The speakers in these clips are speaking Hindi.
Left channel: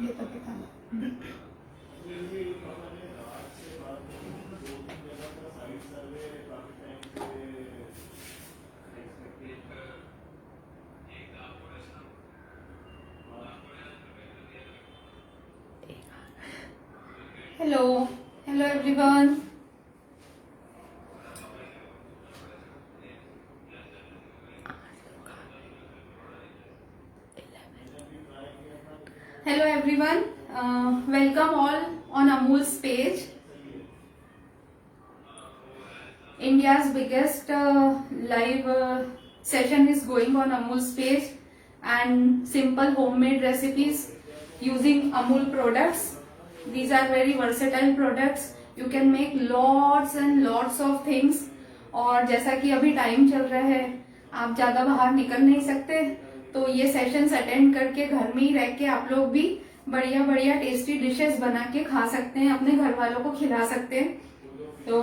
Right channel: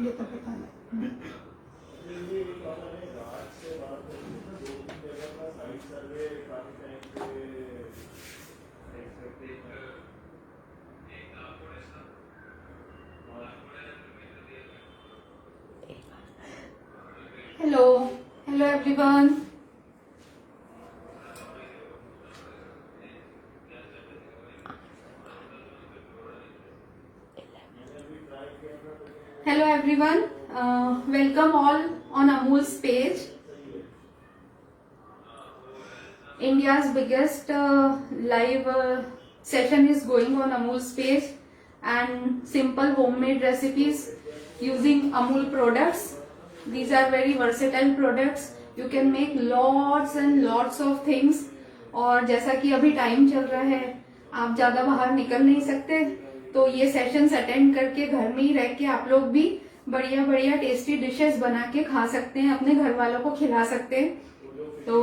ये तो बताना। Hello hello everyone. Hello everyone, welcome all on Amul's page. India's biggest live session is going on Amul's page, and simple homemade recipes using Amul products. These are very versatile products. You can make lots and lots of things. और जैसा कि अभी टाइम चल रहा है, आप ज्यादा बाहर निकल नहीं सकते, तो ये सेशंस अटेंड करके घर में ही रह के आप लोग भी बढ़िया बढ़िया टेस्टी डिशेस बना के खा सकते हैं, अपने घर वालों को खिला सकते हैं। तो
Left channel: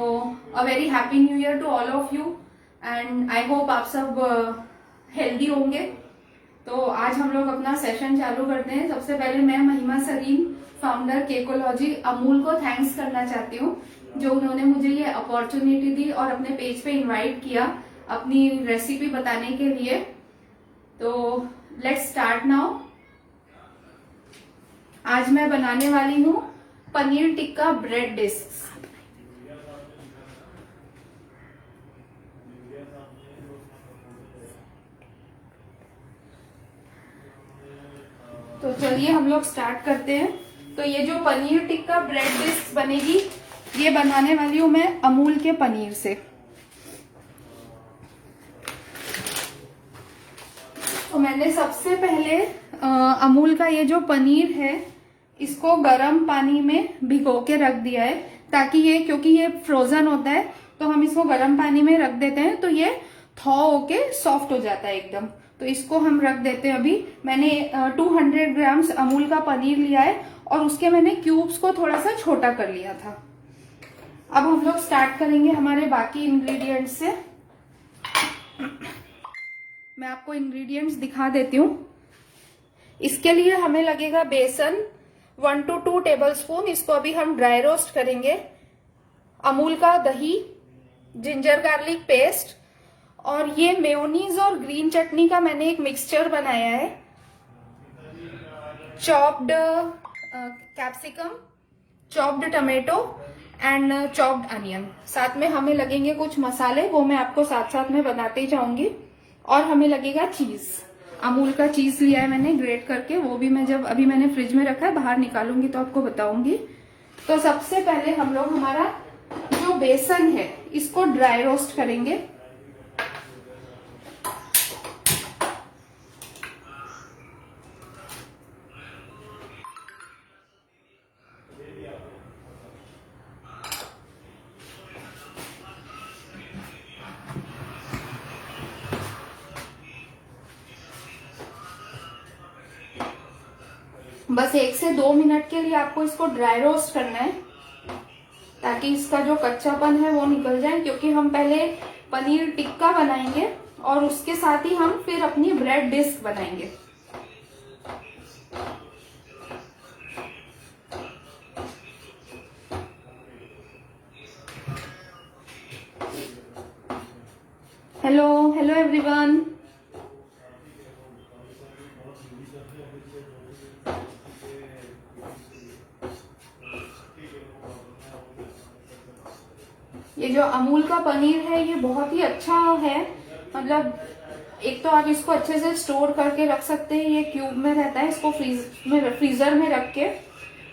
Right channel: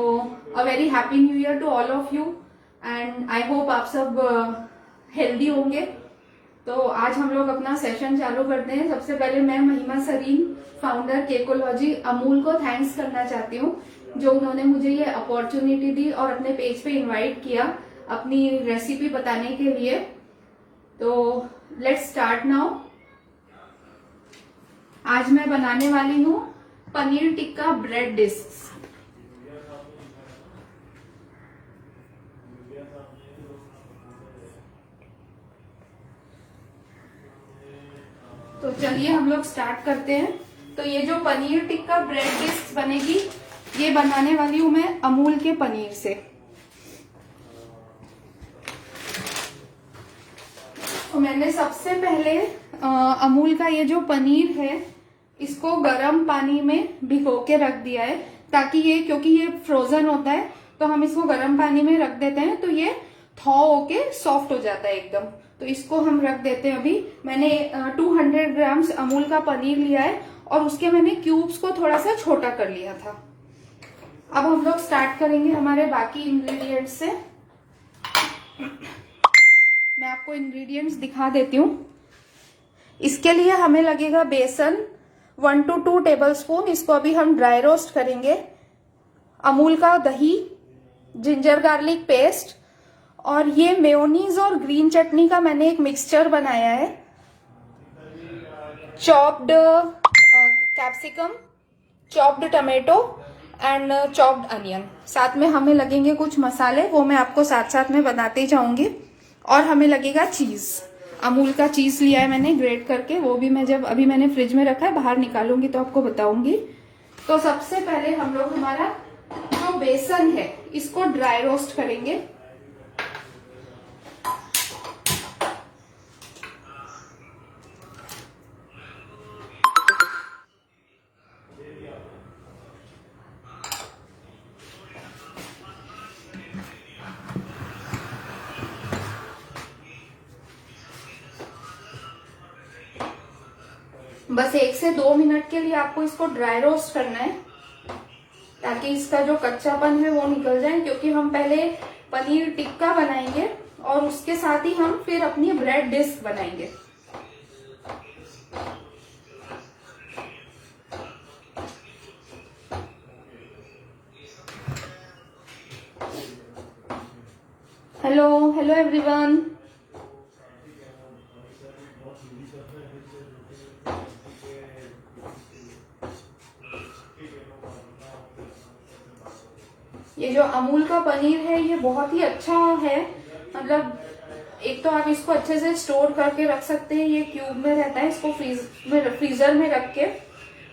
a very happy new year to all of you, and I hope आप सब हेल्दी होंगे। तो आज हम लोग अपना सेशन चालू करते हैं। सबसे पहले मैं महिमा सरीन, फाउंडर केकोलॉजी अमूल को थैंक्स करना चाहती हूँ, जो उन्होंने मुझे ये अपॉर्चुनिटी दी और अपने पेज पे इनवाइट किया अपनी रेसिपी बताने के लिए। तो लेट्स स्टार्ट नाउ। आज मैं बनाने वाली हूँ पनीर टिक्का ब्रेड डिस्क। तो चलिए हम लोग स्टार्ट करते हैं। तो ये जो पनीर टिक्का ब्रेड डिस्क बनेगी, ये बनाने वाली हूँ मैं अमूल के पनीर से। तो मैंने सबसे पहले अमूल का ये जो पनीर है, इसको गर्म पानी में भिगो के रख दिया है, ताकि ये, क्योंकि ये फ्रोजन होता है, तो हम इसको गर्म पानी में रख देते हैं तो ये थॉ होके सॉफ्ट हो जाता है एकदम। तो इसको हम रख देते हैं। अभी मैंने 200 ग्राम्स अमूल का पनीर लिया है और उसके मैंने क्यूब्स को थोड़ा सा छोटा कर लिया था। अब हम लोग स्टार्ट करेंगे हमारे बाकी इंग्रेडिएंट्स से। मैं आपको इंग्रेडिएंट्स दिखा देती हूँ। इसके लिए हमें लगेगा बेसन 1 to 2 टेबलस्पून, इसको अभी हम ड्राई रोस्ट करेंगे। अमूल का दही, जिंजर गार्लिक पेस्ट, और ये मेयोनीज और ग्रीन चटनी का मैंने एक मिक्सचर बनाया है। Chopped capsicum, chopped tomato and chopped onion. साथ में हमें लगेंगे कुछ मसाले, वो मैं आपको साथ साथ में बताते जाऊंगी। और हमें लगेगा चीज। अमूल का चीज लिया है मैंने ग्रेट करके, वो भी मैं जब अभी मैंने फ्रिज में रखा है, बाहर निकालूंगी तो आपको बताऊंगी। तो सबसे पहले हम लोग हमारा जो बेसन है, इसको ड्राई रोस्ट करेंगे। बस 1 से 2 मिनट के लिए आपको इसको ड्राई रोस्ट करना है, ताकि इसका जो कच्चापन है वो निकल जाए, क्योंकि हम पहले पनीर टिक्का बनाएंगे और उसके साथ ही हम फिर अपनी ब्रेड डिस्क बनाएंगे। Hello hello everyone. ये जो अमूल का पनीर है, ये बहुत ही अच्छा है। मतलब एक तो आप इसको अच्छे से स्टोर करके रख सकते हैं, ये क्यूब में रहता है। इसको फ्रीजर में रख के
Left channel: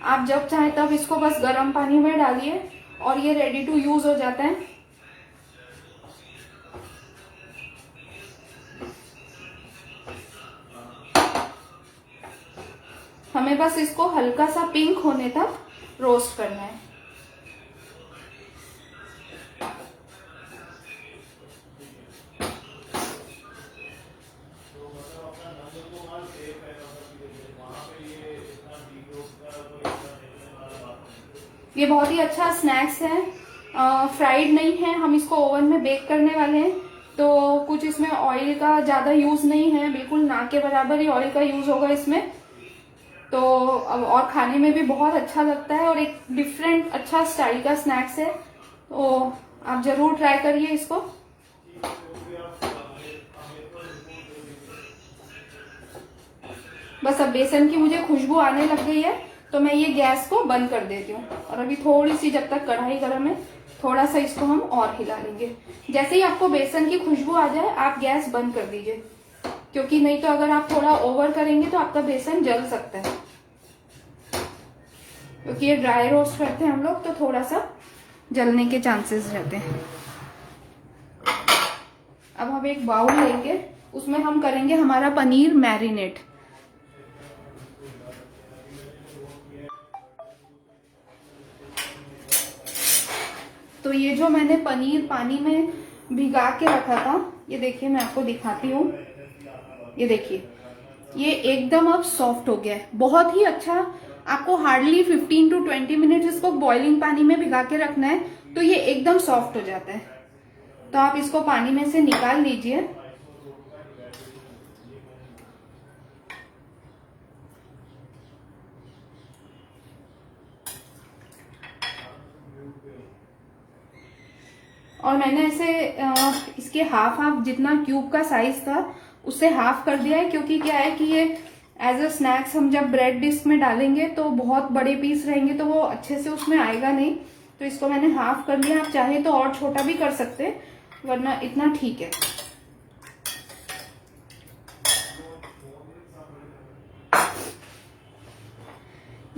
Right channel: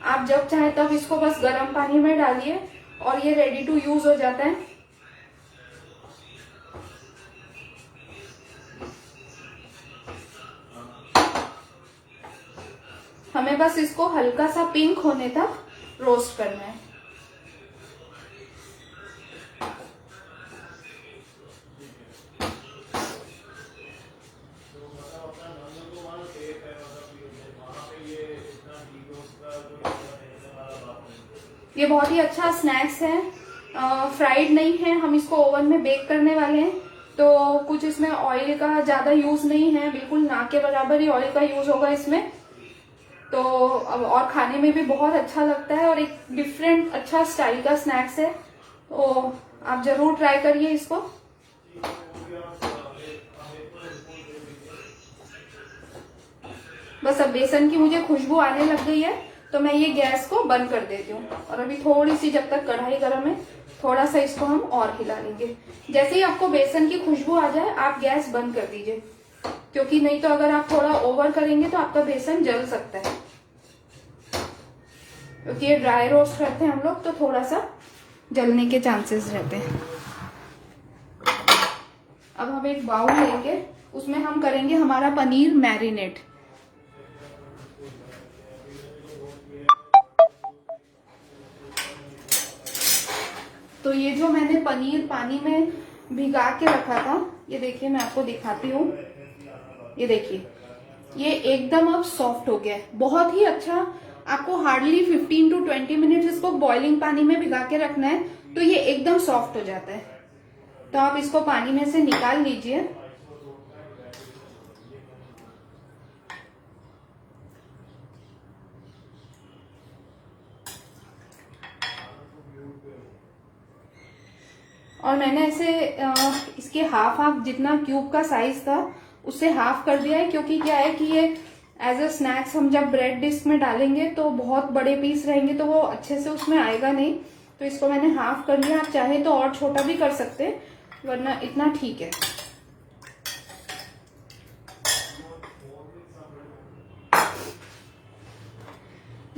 आप जब चाहे तब इसको बस गर्म पानी में डालिए और ये रेडी टू यूज हो जाता है। हमें बस इसको हल्का सा पिंक होने तक रोस्ट करना है। ये बहुत ही अच्छा स्नैक्स है, फ्राइड नहीं है। हम इसको ओवन में बेक करने वाले हैं, तो कुछ इसमें ऑयल का ज्यादा यूज नहीं है, बिल्कुल ना के बराबर ही ऑयल का यूज होगा इसमें। तो अब और खाने में भी बहुत अच्छा लगता है और एक डिफरेंट अच्छा स्टाइल का स्नैक्स है, तो आप जरूर ट्राई करिए इसको। बस अब बेसन की मुझे खुशबू आने लग गई है तो मैं ये गैस को बंद कर देती हूँ, और अभी थोड़ी सी जब तक कढ़ाई गर्म है थोड़ा सा इसको हम और हिला लेंगे। जैसे ही आपको बेसन की खुशबू आ जाए आप गैस बंद कर दीजिए, क्योंकि नहीं तो अगर आप थोड़ा ओवर करेंगे तो आपका बेसन जल सकता है, क्योंकि ये ड्राई रोस्ट करते हैं हम लोग तो थोड़ा सा जलने के चांसेस रहते हैं। अब हम एक बाउल लेंगे, उसमें हम करेंगे हमारा पनीर मैरिनेट। तो ये जो मैंने पनीर पानी में भिगा के रखा था, ये देखिए मैं आपको दिखाती हूँ, ये देखिए ये एकदम अब सॉफ्ट हो गया है, बहुत ही अच्छा। आपको हार्डली 15 to 20 मिनट इसको बॉइलिंग पानी में भिगा के रखना है तो ये एकदम सॉफ्ट हो जाता है। तो आप इसको पानी में से निकाल लीजिए। और मैंने ऐसे इसके हाफ जितना क्यूब का साइज था उससे हाफ कर दिया है, क्योंकि क्या है कि ये एज अ स्नैक्स हम जब ब्रेड डिस्क में डालेंगे तो बहुत बड़े पीस रहेंगे तो वो अच्छे से उसमें आएगा नहीं, तो इसको मैंने हाफ कर लिया। आप चाहे तो और छोटा भी कर सकते हैं, वरना इतना ठीक है।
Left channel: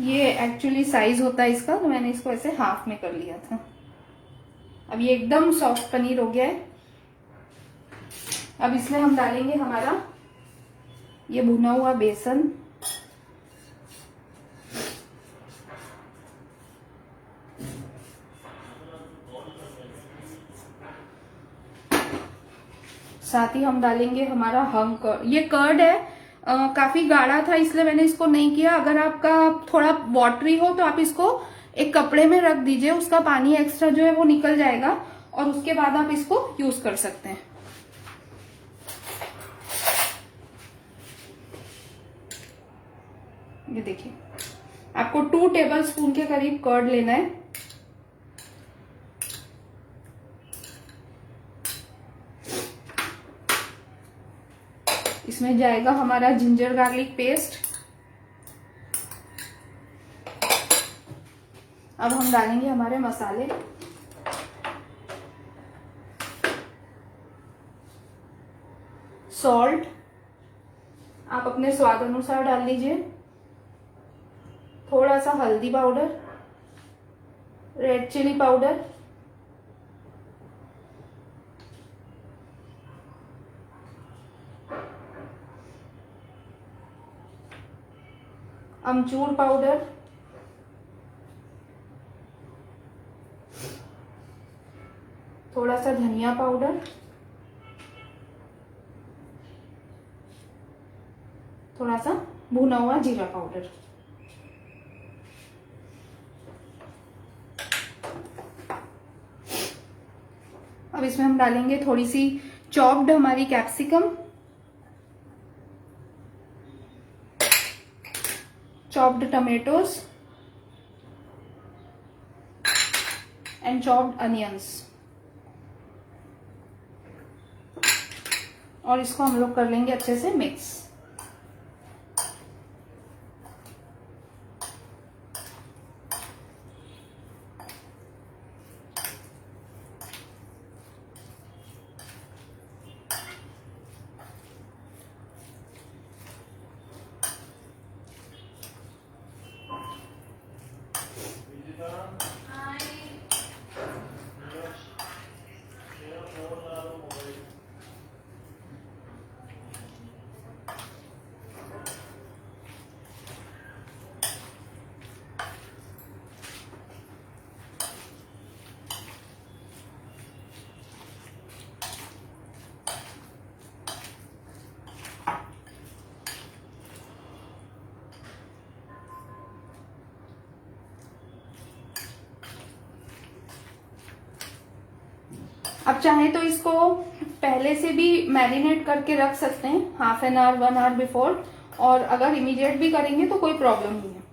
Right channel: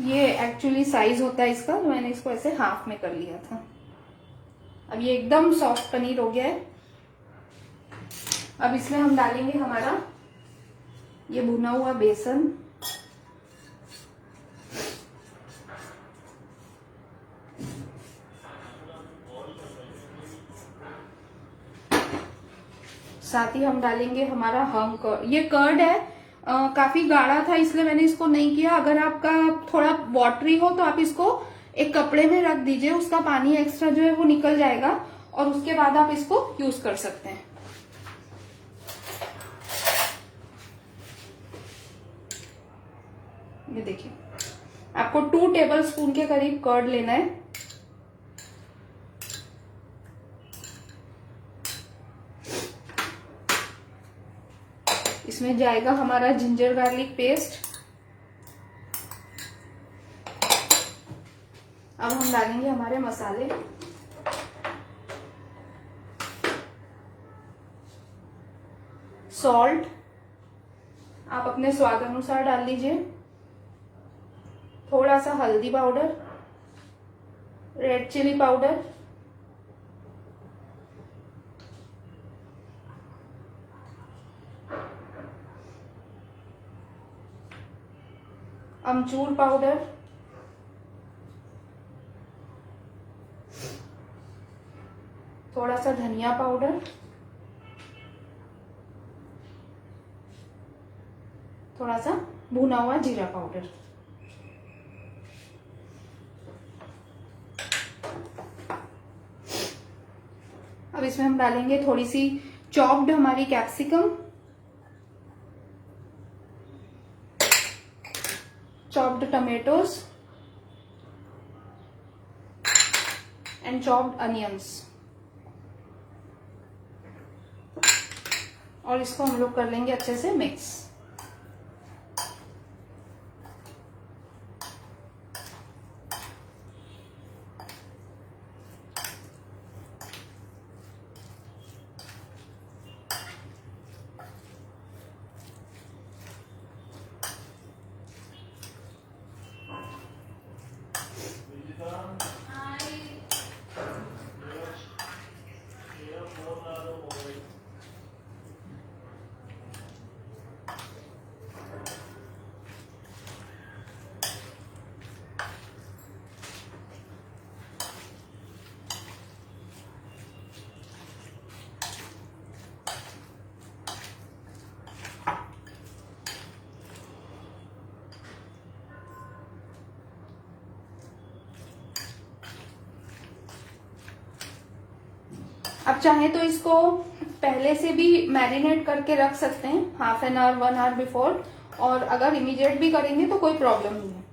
ये एक्चुअली साइज होता है इसका, तो मैंने इसको ऐसे हाफ में कर लिया था। अब ये एकदम सॉफ्ट पनीर हो गया है। अब इसमें हम डालेंगे हमारा ये भुना हुआ बेसन, साथ ही हम डालेंगे हमारा हम कर्ड। ये कर्ड है काफी गाढ़ा था इसलिए मैंने इसको नहीं किया। अगर आपका थोड़ा वाटरी हो तो आप इसको एक कपड़े में रख दीजिए, उसका पानी एक्स्ट्रा जो है वो निकल जाएगा और उसके बाद आप इसको यूज कर सकते हैं। ये देखिए आपको 2 टेबलस्पून के करीब कर्ड लेना है। इसमें जाएगा हमारा जिंजर गार्लिक पेस्ट। अब हम डालेंगे हमारे मसाले। सॉल्ट आप अपने स्वाद अनुसार डाल लीजिए। थोड़ा सा हल्दी पाउडर, रेड चिली पाउडर, अमचूर पाउडर, थोड़ा सा धनिया पाउडर, थोड़ा सा भुना हुआ जीरा पाउडर। अब इसमें हम डालेंगे थोड़ी सी चॉप्ड हमारी capsicum, chopped tomatoes and chopped onions, और इसको हम लोग कर लेंगे अच्छे से मिक्स। अब चाहे तो इसको पहले से भी मैरिनेट करके रख सकते हैं, half an hour 1 hour before, और अगर इमीडिएट भी करेंगे तो कोई प्रॉब्लम नहीं है।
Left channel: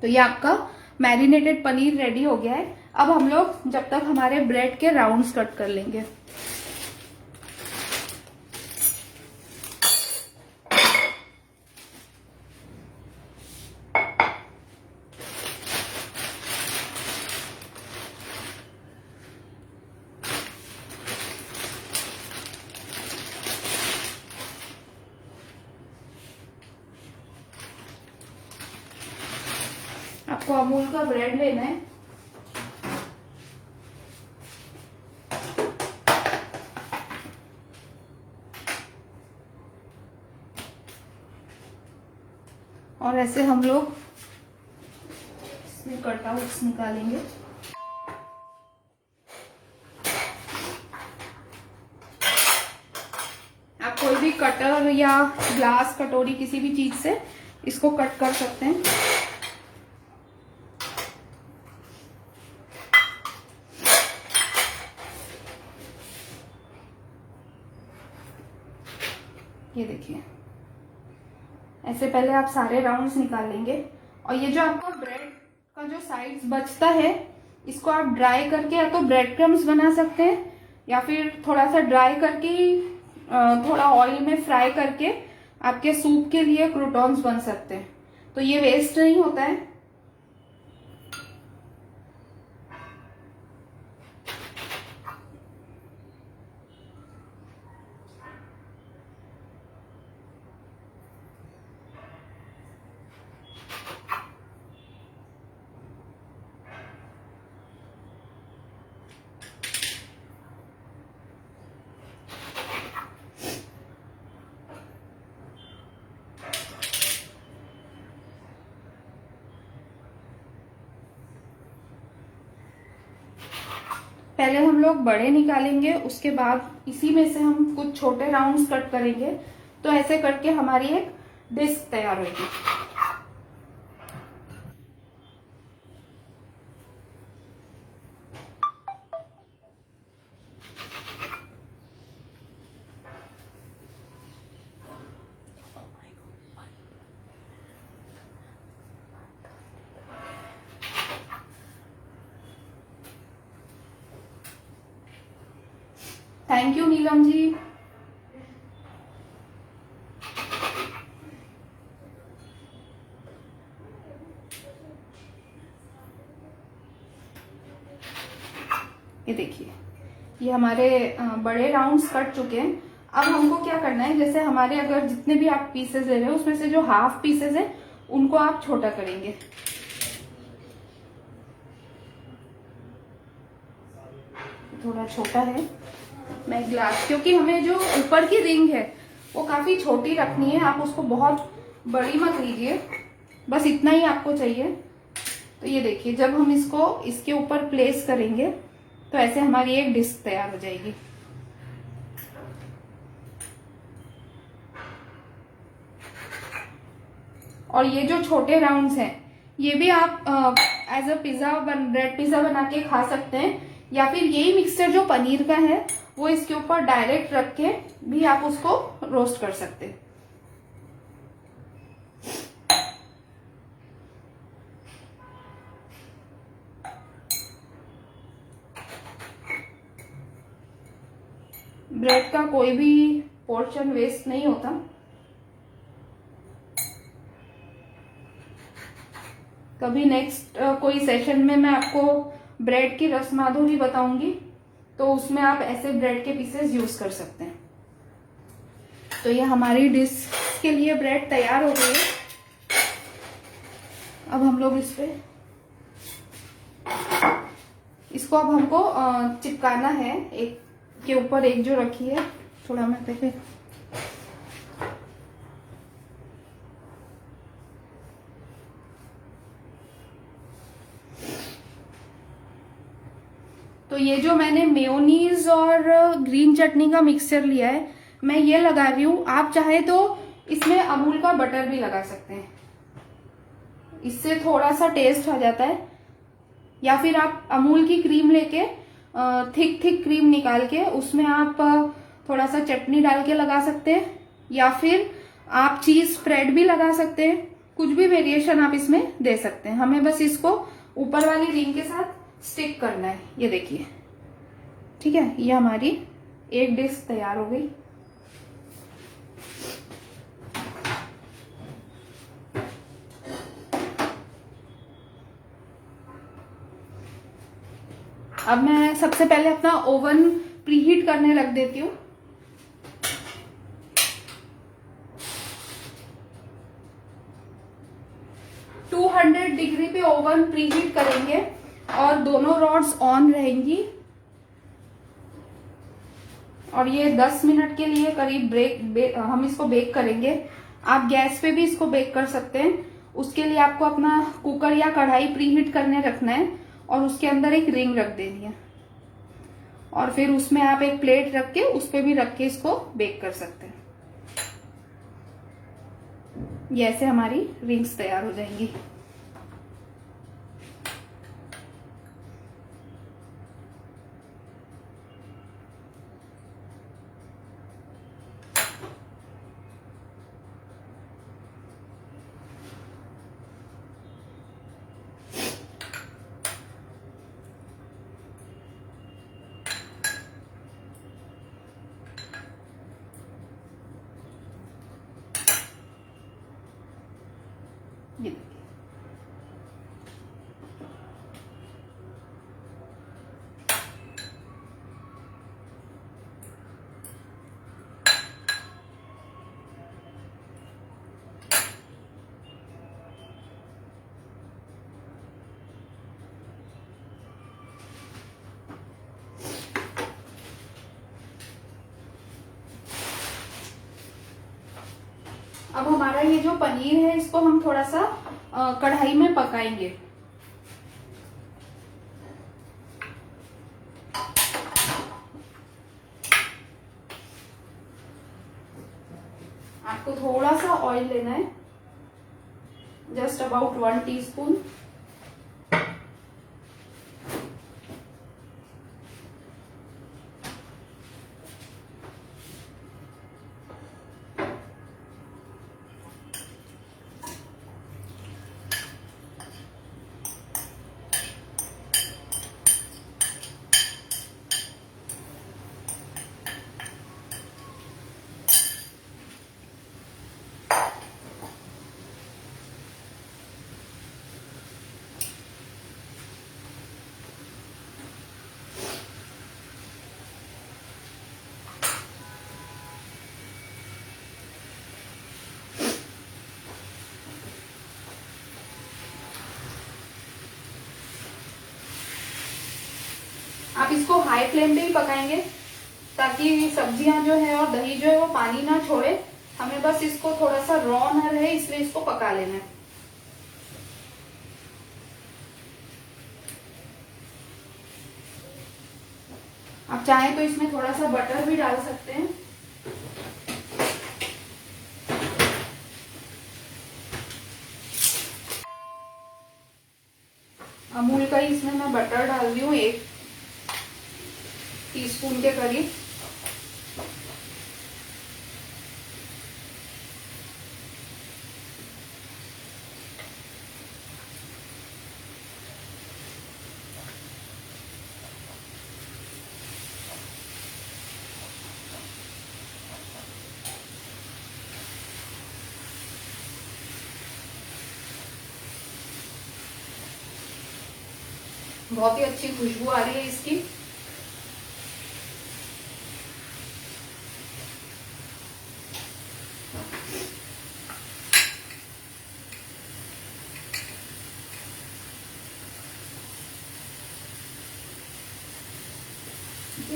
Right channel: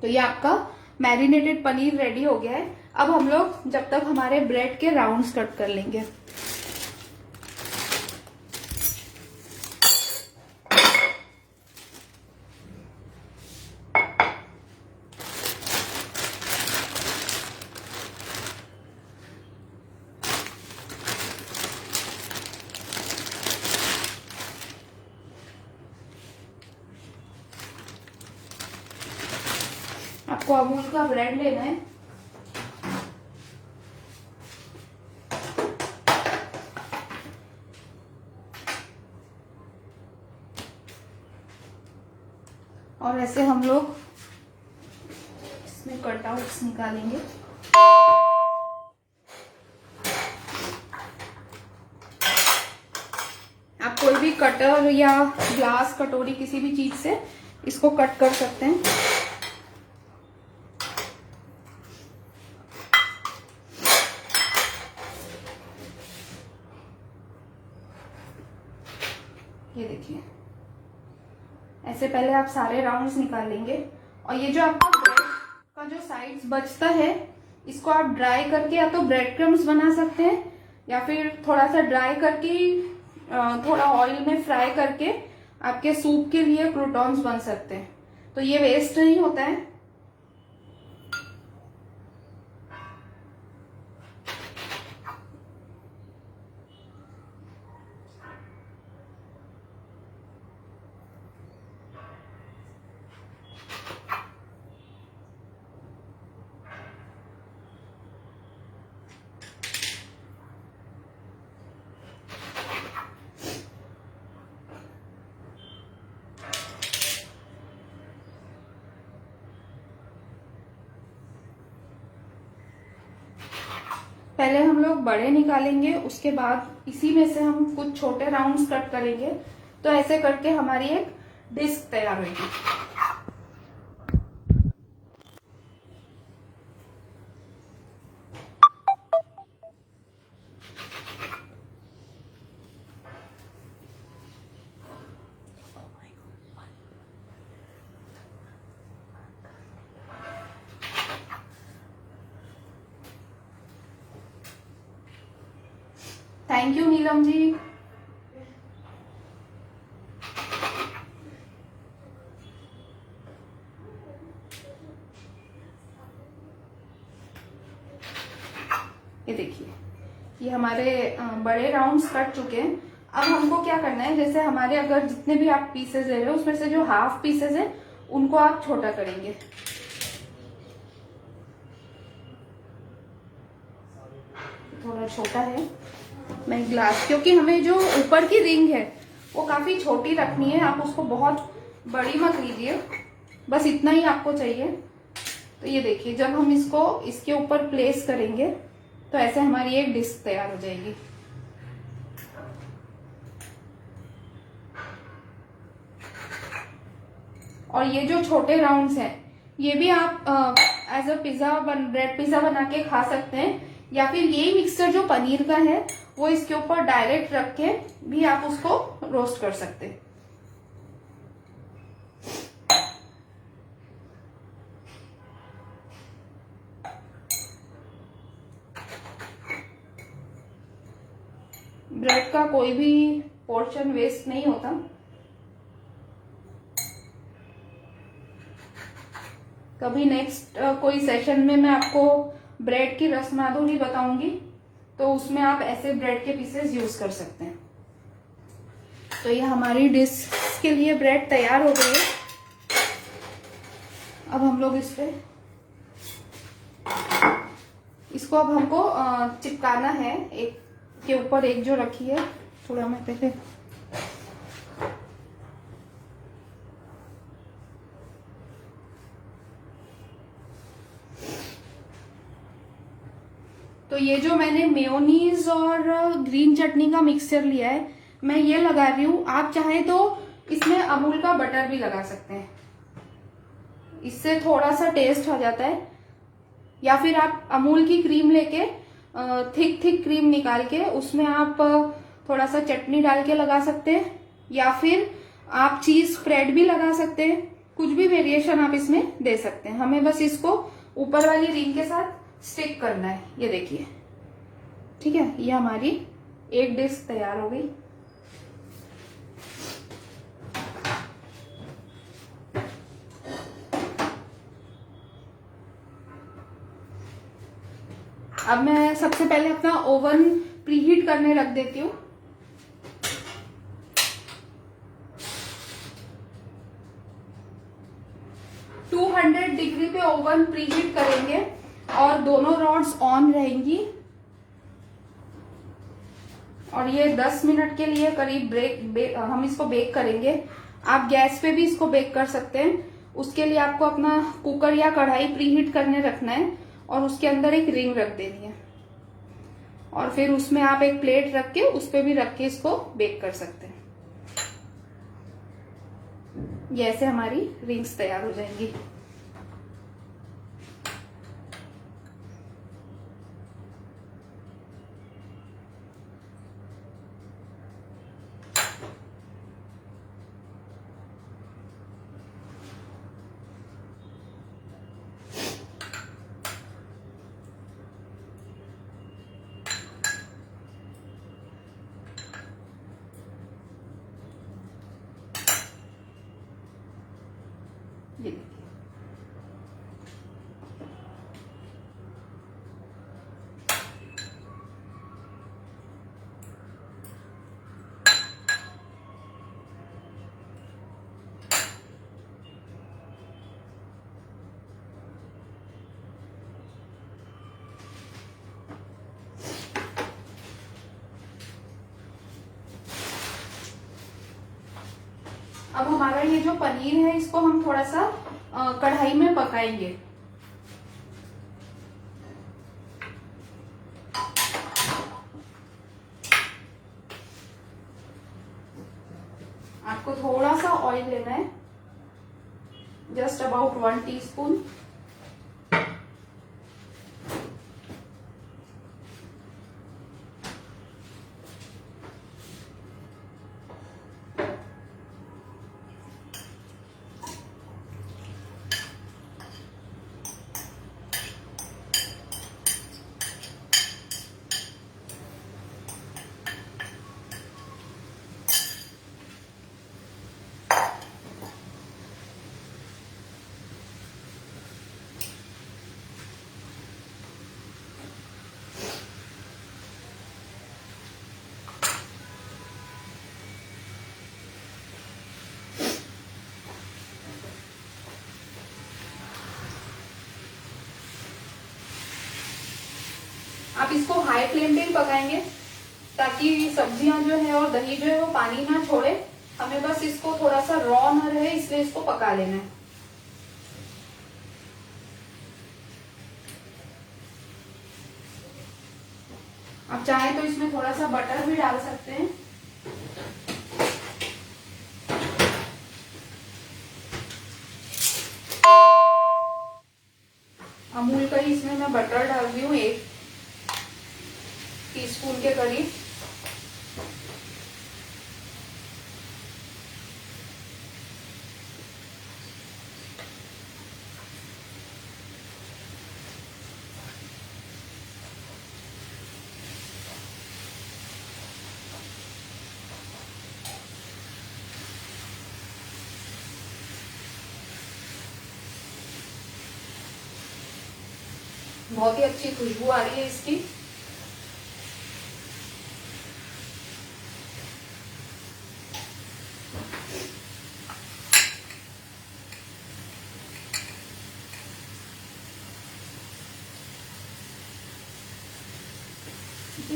तो ये आपका मैरिनेटेड पनीर रेडी हो गया है। अब हम लोग जब तक हमारे ब्रेड के राउंड्स कट कर लेंगे। आपको अमूल का ब्रेड लेना है। और ऐसे हम लोग इसमें कटआउट्स निकालेंगे। आप कोई भी कटर या ग्लास कटोरी किसी भी चीज से इसको कट कर सकते हैं। ये देखिए, ऐसे पहले आप सारे राउंड्स निकाल लेंगे। और ये जो आपका ब्रेड का जो साइड्स बचता है, इसको आप ड्राई करके या तो ब्रेड क्रम्स बना सकते हैं, या फिर थोड़ा सा ड्राई करके थोड़ा ऑयल में फ्राई करके आपके सूप के लिए क्रूटॉन्स बन सकते हैं। तो ये वेस्ट नहीं होता है। पहले हम लोग बड़े निकालेंगे, उसके बाद इसी में से हम कुछ छोटे राउंड्स कट करेंगे। तो ऐसे करके हमारी एक डिस्क तैयार होगी। Thank you Neelam ji. ये देखिए, ये हमारे बड़े राउंड्स कट चुके हैं। अब हमको क्या करना है, जैसे हमारे अगर जितने भी आप पीसेस ले रहे हो उसमें से जो हाफ पीसेस है उनको आप छोटा करेंगे। थोड़ा छोटा है, मैं ग्लास, क्योंकि हमें जो ऊपर की रिंग है वो काफी छोटी रखनी है। आप उसको बहुत बड़ी मत लीजिए, बस इतना ही आपको चाहिए। तो ये देखिए, जब हम इसको इसके ऊपर प्लेस करेंगे तो ऐसे हमारी एक डिस्क तैयार हो जाएगी। और ये जो छोटे राउंड्स हैं, ये भी आप as a pizza bread pizza बना के खा सकते हैं, या फिर यही मिक्सचर जो पनीर का है वो इसके ऊपर डायरेक्ट रख के भी आप उसको रोस्ट कर सकते हैं। ब्रेड का कोई भी पोर्शन वेस्ट नहीं होता। कभी नेक्स्ट कोई सेशन में मैं आपको ब्रेड की रसमाधुरी बताऊंगी, तो उसमें आप ऐसे ब्रेड के पीसेस यूज कर सकते हैं। तो ये हमारी डिश के लिए ब्रेड तैयार हो गई है। अब हम लोग इसको अब हमको चिपकाना है, एक के ऊपर एक जो रखी है। थोड़ा मैं पहले तो ये जो मैंने मेयोनीज और ग्रीन चटनी का मिक्सचर लिया है, मैं ये लगा रही हूँ। आप चाहे तो इसमें अमूल का बटर भी लगा सकते हैं, इससे थोड़ा सा टेस्ट आ जाता है। या फिर आप अमूल की क्रीम लेके थिक क्रीम निकाल के उसमें आप थोड़ा सा चटनी डाल के लगा सकते हैं, या फिर आप चीज स्प्रेड भी लगा सकते हैं, कुछ भी वेरिएशन आप इसमें दे सकते हैं। हमें बस इसको ऊपर वाली रिंग के साथ स्टिक करना है। ये देखिए, ठीक है, ये हमारी एक डिश तैयार हो गई। अब मैं सबसे पहले अपना ओवन प्रीहीट करने रख देती हूँ। डिग्री पे ओवन प्रीहीट करेंगे और दोनों रॉड्स ऑन रहेंगी और ये 10 मिनट के लिए करीब हम इसको बेक करेंगे। आप गैस पे भी इसको बेक कर सकते हैं। उसके लिए आपको अपना कुकर या कढ़ाई प्रीहीट करने रखना है और उसके अंदर एक रिंग रख देनी है और फिर उसमें आप एक प्लेट रख के उस पे भी रख के इसको बेक कर सकते हैं। ये ऐसे हमारी रिंग्स तैयार हो जाएंगी। ये देखिए, अब हमारा ये जो पनीर है इसको हम थोड़ा सा कढ़ाई में पकाएंगे। आपको थोड़ा सा ऑयल लेना है, जस्ट अबाउट 1 टीस्पून। आप इसको हाई फ्लेम पे ही पकाएंगे ताकि सब्जियां जो है और दही जो है वो पानी ना छोड़े। हमें बस इसको थोड़ा सा रॉ ना रहे इसलिए इसको पका लेना है। आप चाहें तो इसमें थोड़ा सा बटर भी डाल सकते हैं। अमूल का ही इसमें मैं बटर डाल रही हूँ 1 टीस्पून के करीब। बहुत ही अच्छी खुशबू आ रही है इसकी।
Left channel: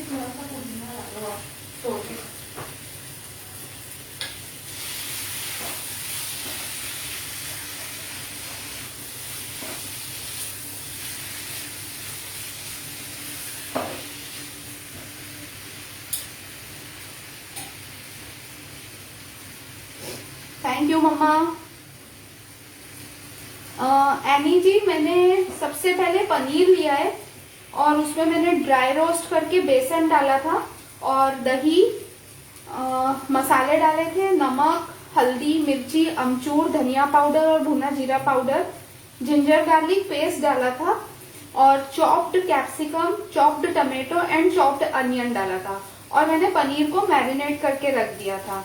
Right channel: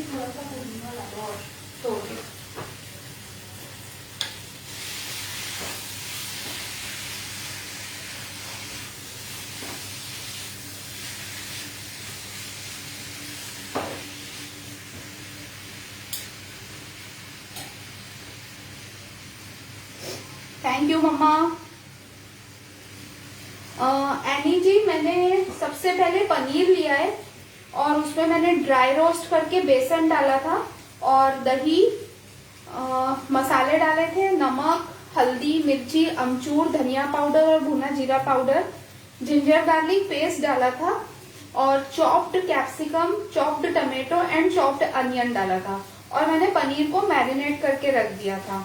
थोड़ा सा पुदीना लगा तोड़ दो। Thank you mamma. Annie ji, मैंने सबसे पहले पनीर लिया है और उसमें मैंने ड्राई रोस्ट करके बेसन डाला था और दही, मसाले डाले थे, नमक, हल्दी, मिर्ची, अमचूर, धनिया पाउडर और भुना जीरा पाउडर, जिंजर गार्लिक पेस्ट डाला था और chopped capsicum, chopped tomato and chopped onion डाला था। और मैंने पनीर को मैरिनेट करके रख दिया था।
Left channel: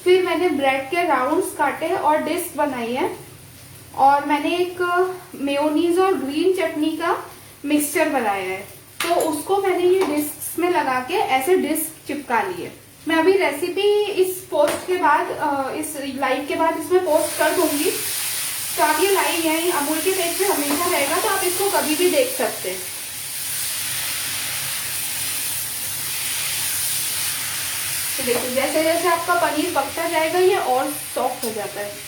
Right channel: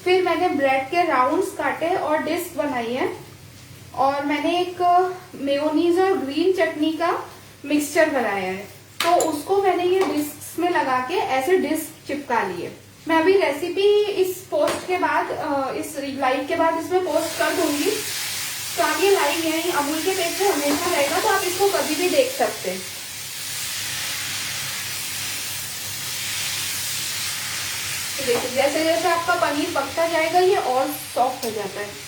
फिर मैंने ब्रेड के राउंड्स काटे और डिस्क बनाई है। और मैंने एक मेयोनीज और ग्रीन चटनी का मिक्सचर बनाया है, तो उसको मैंने ये डिस्क में लगा के ऐसे डिस्क चिपका लिए। मैं अभी रेसिपी इस पोस्ट के बाद, इस लाइव के बाद इसमें पोस्ट कर दूंगी। तो आप ये लाइव यही अमूल के पेज पे हमेशा रहेगा, तो आप इसको कभी भी देख सकते हैं। तो देखिए जैसे जैसे आपका पनीर पकता जाएगा ये और सॉफ्ट हो जाता है।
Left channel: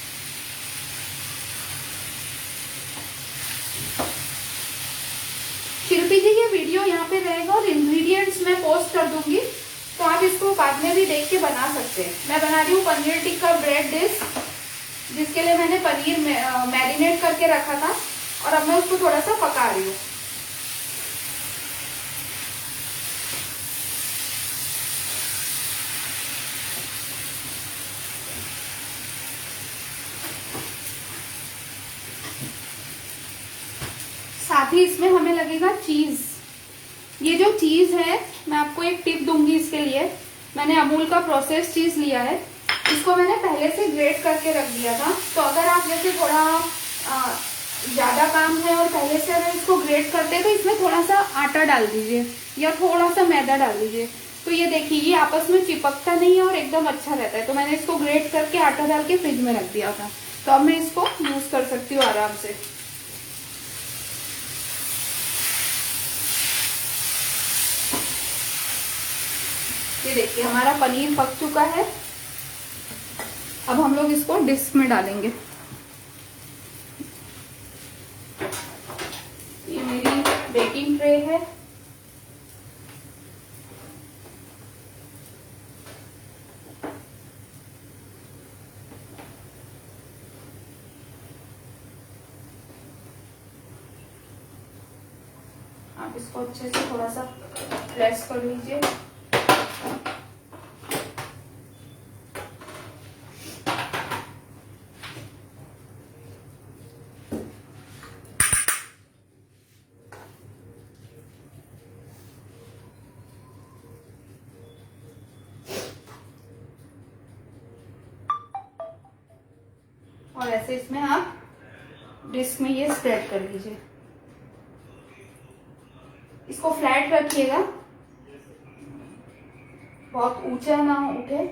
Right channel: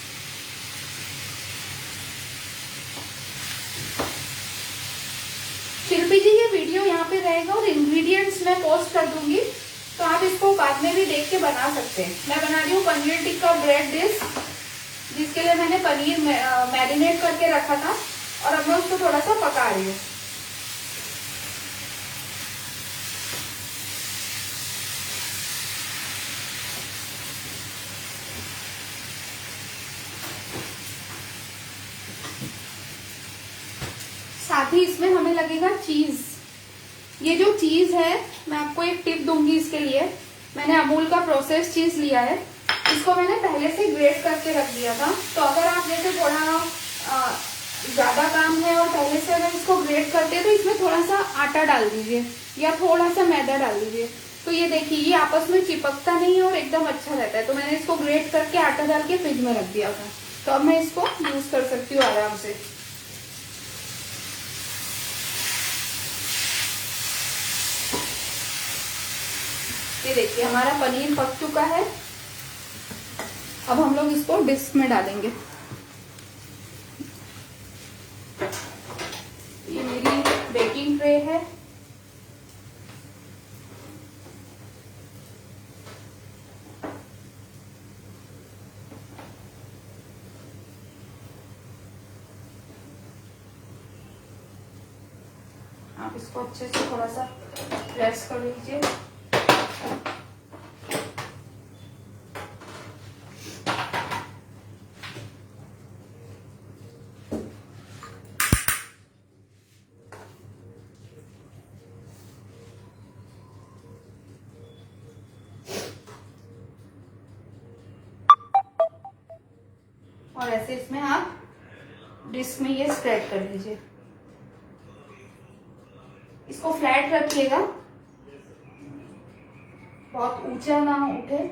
शिल्पी जी ये वीडियो यहाँ पे रहेगा और इंग्रेडिएंट्स मैं पोस्ट कर दूंगी, तो आप इसको बाद में भी देख के बना सकते हैं। मैं बना रही हूँ पनीर टिक्का ब्रेड डिश, जिसके लिए मैंने पनीर मैरिनेट करके रखा था और अब मैं उसको थोड़ा सा पका रही हूँ। साथ ही इसमें हमें लगेगा चीज। ये जो चीज है, मैं आपको एक टिप दूंगी इसके लिए। मैंने अमूल का प्रोसेस चीज लिया है, इसको मैंने पहले से ग्रेट करके रख दिया था। तो अगर आप जैसे थोड़ा ज्यादा काम है और पहले से अगर इसको ग्रेट करते हैं तो इसमें थोड़ा सा आटा डाल दीजिए या थोड़ा सा मैदा डाल दीजिए। तो ये देखिए ये आपस में चिपकता नहीं है और एकदम अच्छा रहता है। तो मैंने इसको ग्रेट करके आटा डाल के फ्रिज में रख दिया था, तो अब मैं इसको यूज कर सकती हूँ आराम से। ये देखिए हमारा पनीर पक चुका है। अब हम लोग इसको डिस्क में डालेंगे। ये मेरी बेकिंग ट्रे है। आप इसको अच्छे से थोड़ा सा प्रेस कर लीजिए। और ऐसे इसमें आप डिस्क में ये स्प्रेड कर लीजिए। इसको फ्लैट रखिएगा, बहुत ऊंचा ना उठे।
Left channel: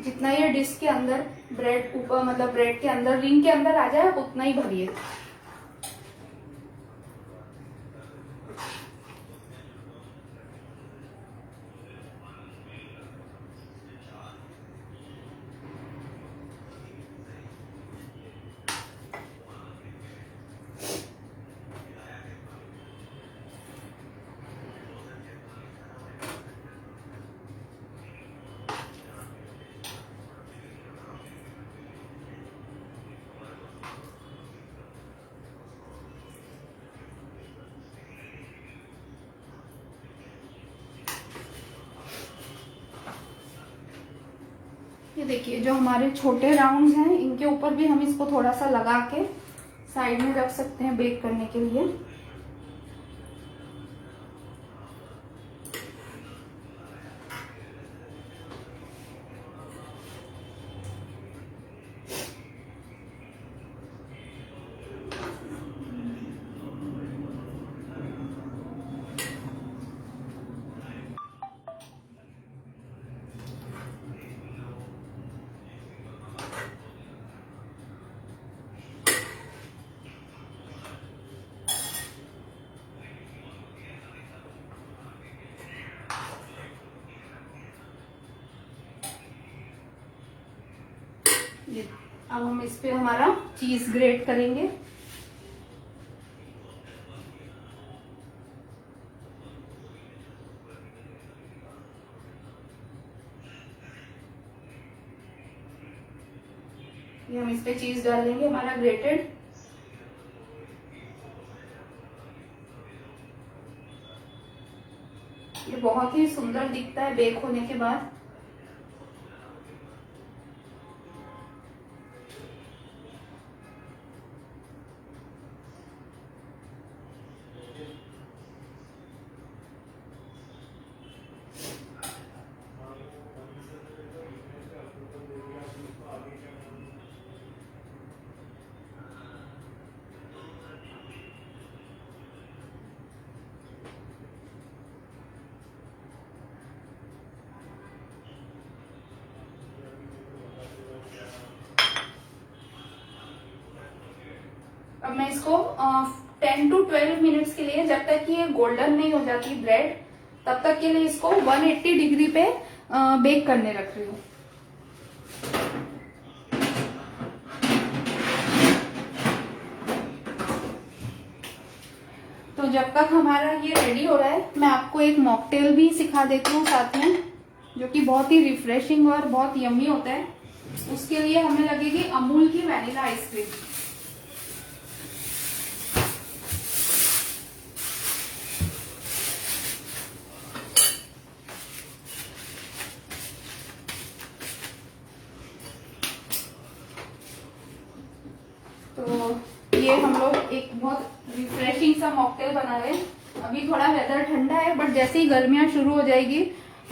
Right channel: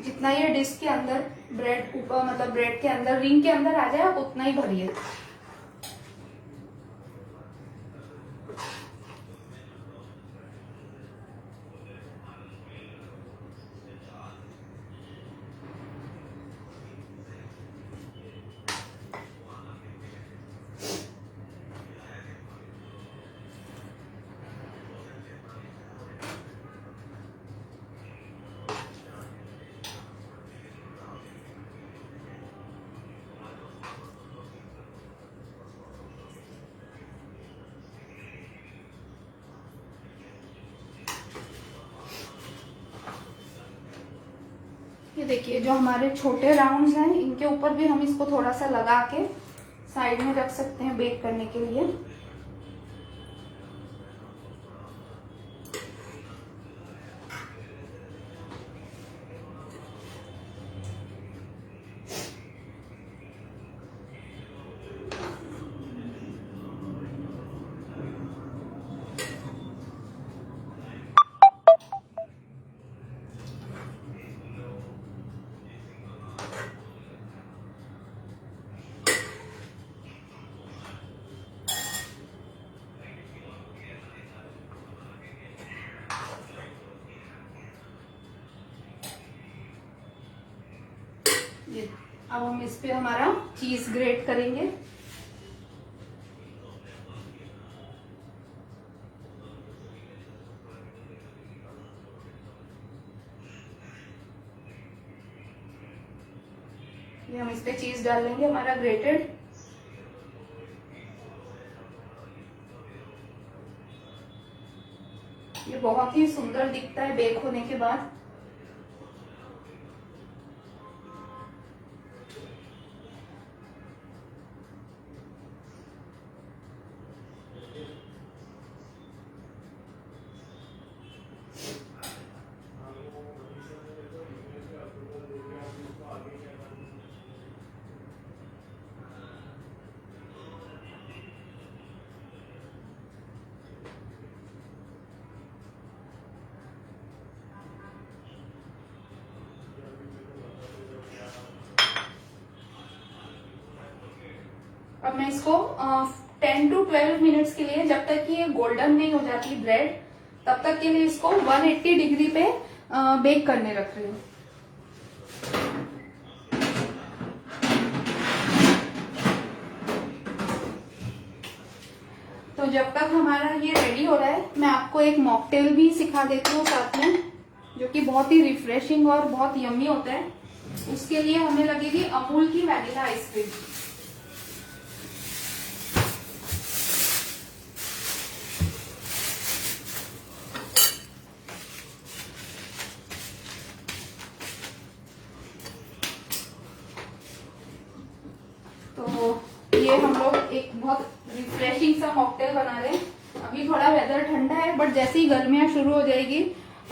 जितना ये डिस्क के अंदर ब्रेड ऊपर, मतलब ब्रेड के अंदर रिंग के अंदर आ जाए आप उतना ही भरिए। ये देखिए जो हमारे छोटे राउंड्स हैं इनके ऊपर भी हम इसको थोड़ा सा लगा के साइड में रख सकते हैं बेक करने के लिए। ये अब हम इस पे हमारा चीज ग्रेट करेंगे। ये हम इस पे चीज डाल लेंगे हमारा ग्रेटेड। ये बहुत ही सुंदर दिखता है बेक होने के बाद। मैं इसको 10 to 12 मिनट्स के लिए, जब तक कि ये गोल्डन नहीं हो जाती ब्रेड, तब तक के लिए इसको 180 डिग्री पे बेक करने रख रही हूँ। तो जब तक हमारा ये रेडी हो रहा है, मैं आपको एक मॉकटेल भी सिखा देती हूँ साथ में, जो कि बहुत ही रिफ्रेशिंग और बहुत यम्मी होता है। उसके लिए हमें लगेगी अमूल की वैनिला आइसक्रीम। तो ये हम लोग एक बहुत रिफ्रेशिंग सा मॉकटेल बना रहे हैं। अभी थोड़ा वेदर ठंडा है, बट जैसे ही गर्मियां शुरू हो जाएगी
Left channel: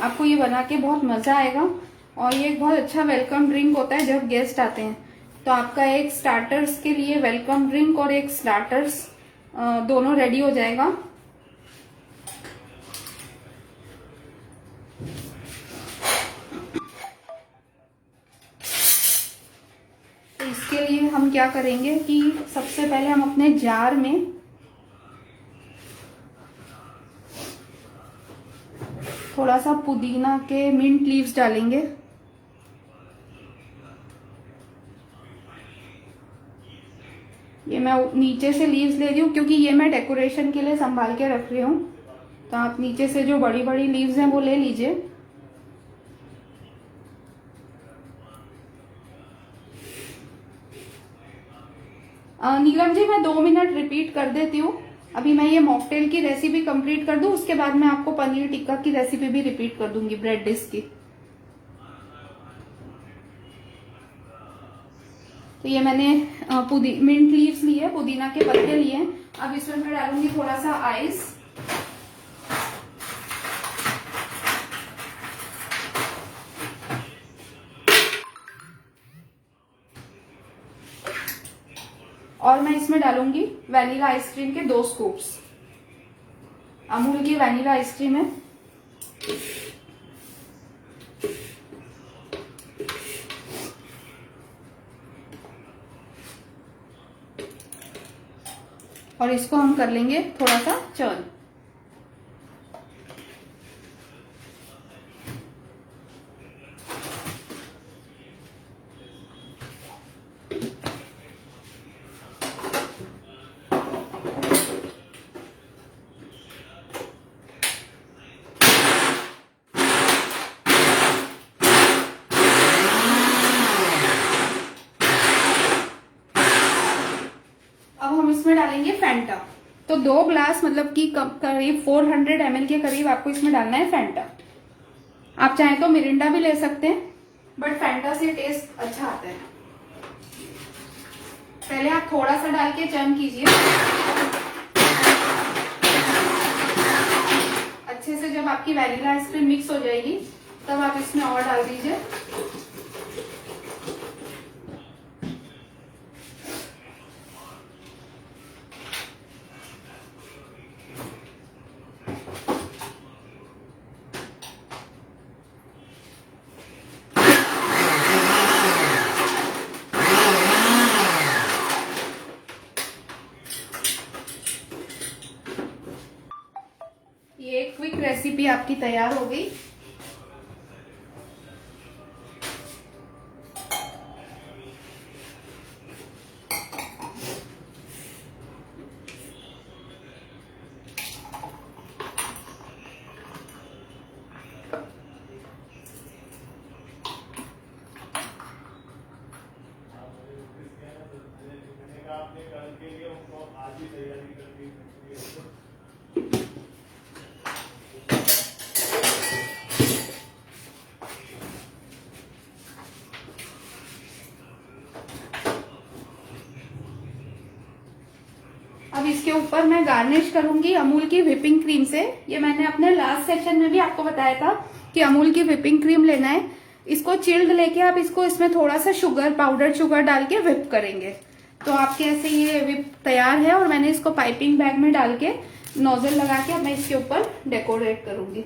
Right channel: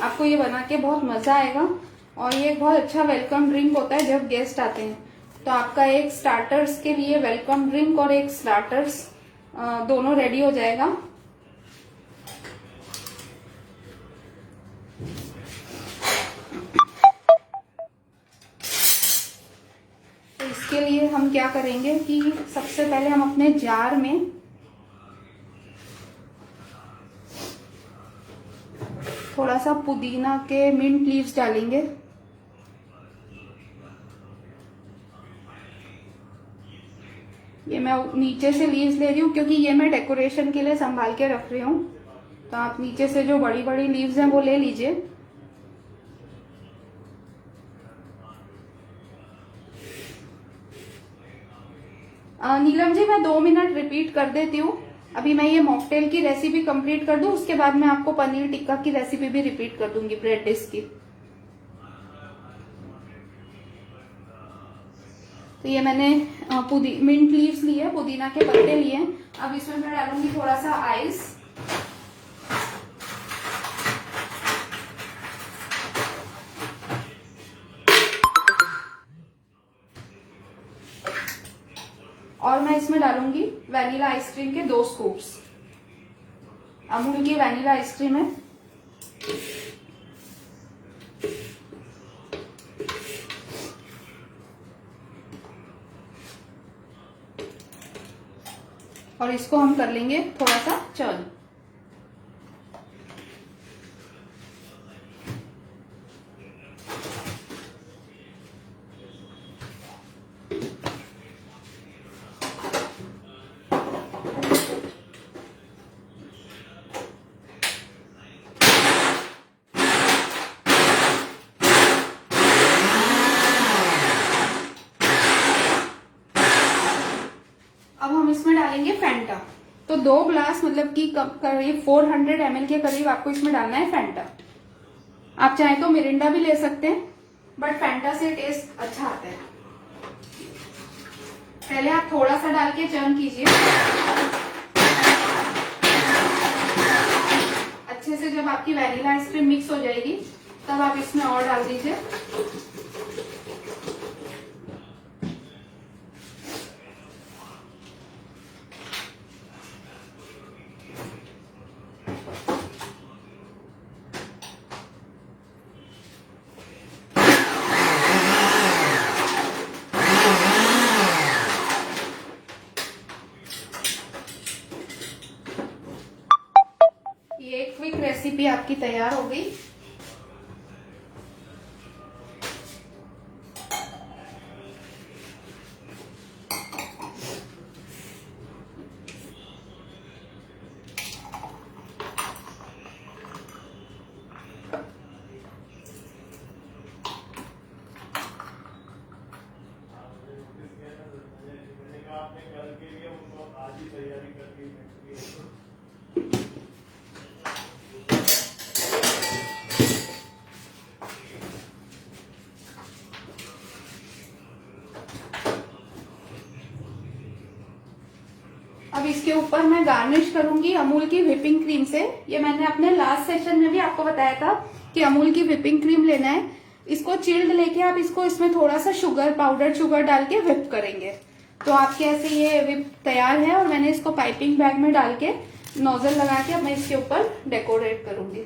आपको ये बना के बहुत मजा आएगा। और ये एक बहुत अच्छा वेलकम ड्रिंक होता है जब गेस्ट आते हैं। तो आपका एक स्टार्टर्स के लिए वेलकम ड्रिंक और एक स्टार्टर्स दोनों रेडी हो जाएगा। तो इसके लिए हम क्या करेंगे कि सबसे पहले हम अपने जार में थोड़ा सा पुदीना के मिंट लीव्स डालेंगे। ये मैं नीचे से लीव्स ले रही हूँ क्योंकि ये मैं डेकोरेशन के लिए संभाल के रख रही हूँ। तो आप नीचे से जो बड़ी बड़ी लीव्स हैं वो ले लीजिए। नीलम जी, मैं 2 मिनट रिपीट कर देती हूँ। अभी मैं ये मॉकटेल की रेसिपी कंप्लीट कर दूं, उसके बाद मैं आपको पनीर टिक्का की रेसिपी भी रिपीट कर दूंगी ब्रेड डिश की। तो ये मैंने मिंट लीव्स लिए है, पुदीना के पत्ते लिए हैं। अब इसमें मैं डालूंगी थोड़ा सा आइस। और मैं इसमें डालूंगी वैनिला आइसक्रीम के 2 स्कूप्स। अमूल की वैनिला आइसक्रीम है। और इसको हम कर लेंगे थोड़ा सा चर्न। अब हम इसमें डालेंगे फैंटा। तो 2 ग्लास मतलब कि करीब 400 ml के करीब आपको इसमें डालना है फैंटा। आप चाहें तो मिरिंडा भी ले सकते हैं, बट फैंटा से टेस्ट अच्छा आता है। पहले आप थोड़ा सा डाल के चर्न कीजिए। अच्छे से जब आपकी वैनिला आइसक्रीम मिक्स हो जाएगी तब आप इसमें और डाल दीजिए। ये क्विक रेसिपी आपकी तैयार हो गई। अब इसके ऊपर मैं गार्निश करूंगी अमूल की व्हिपिंग क्रीम से। ये मैंने अपने लास्ट सेशन में भी आपको बताया था कि अमूल की व्हिपिंग क्रीम लेना है। इसको चिल्ड लेके आप इसको इसमें थोड़ा सा पाउडर शुगर डाल के व्हिप करेंगे तो आपके ऐसे ये व्हिप तैयार है। और मैंने इसको पाइपिंग बैग में डाल के नोजल लगा के अब मैं इसके ऊपर डेकोरेट करूंगी।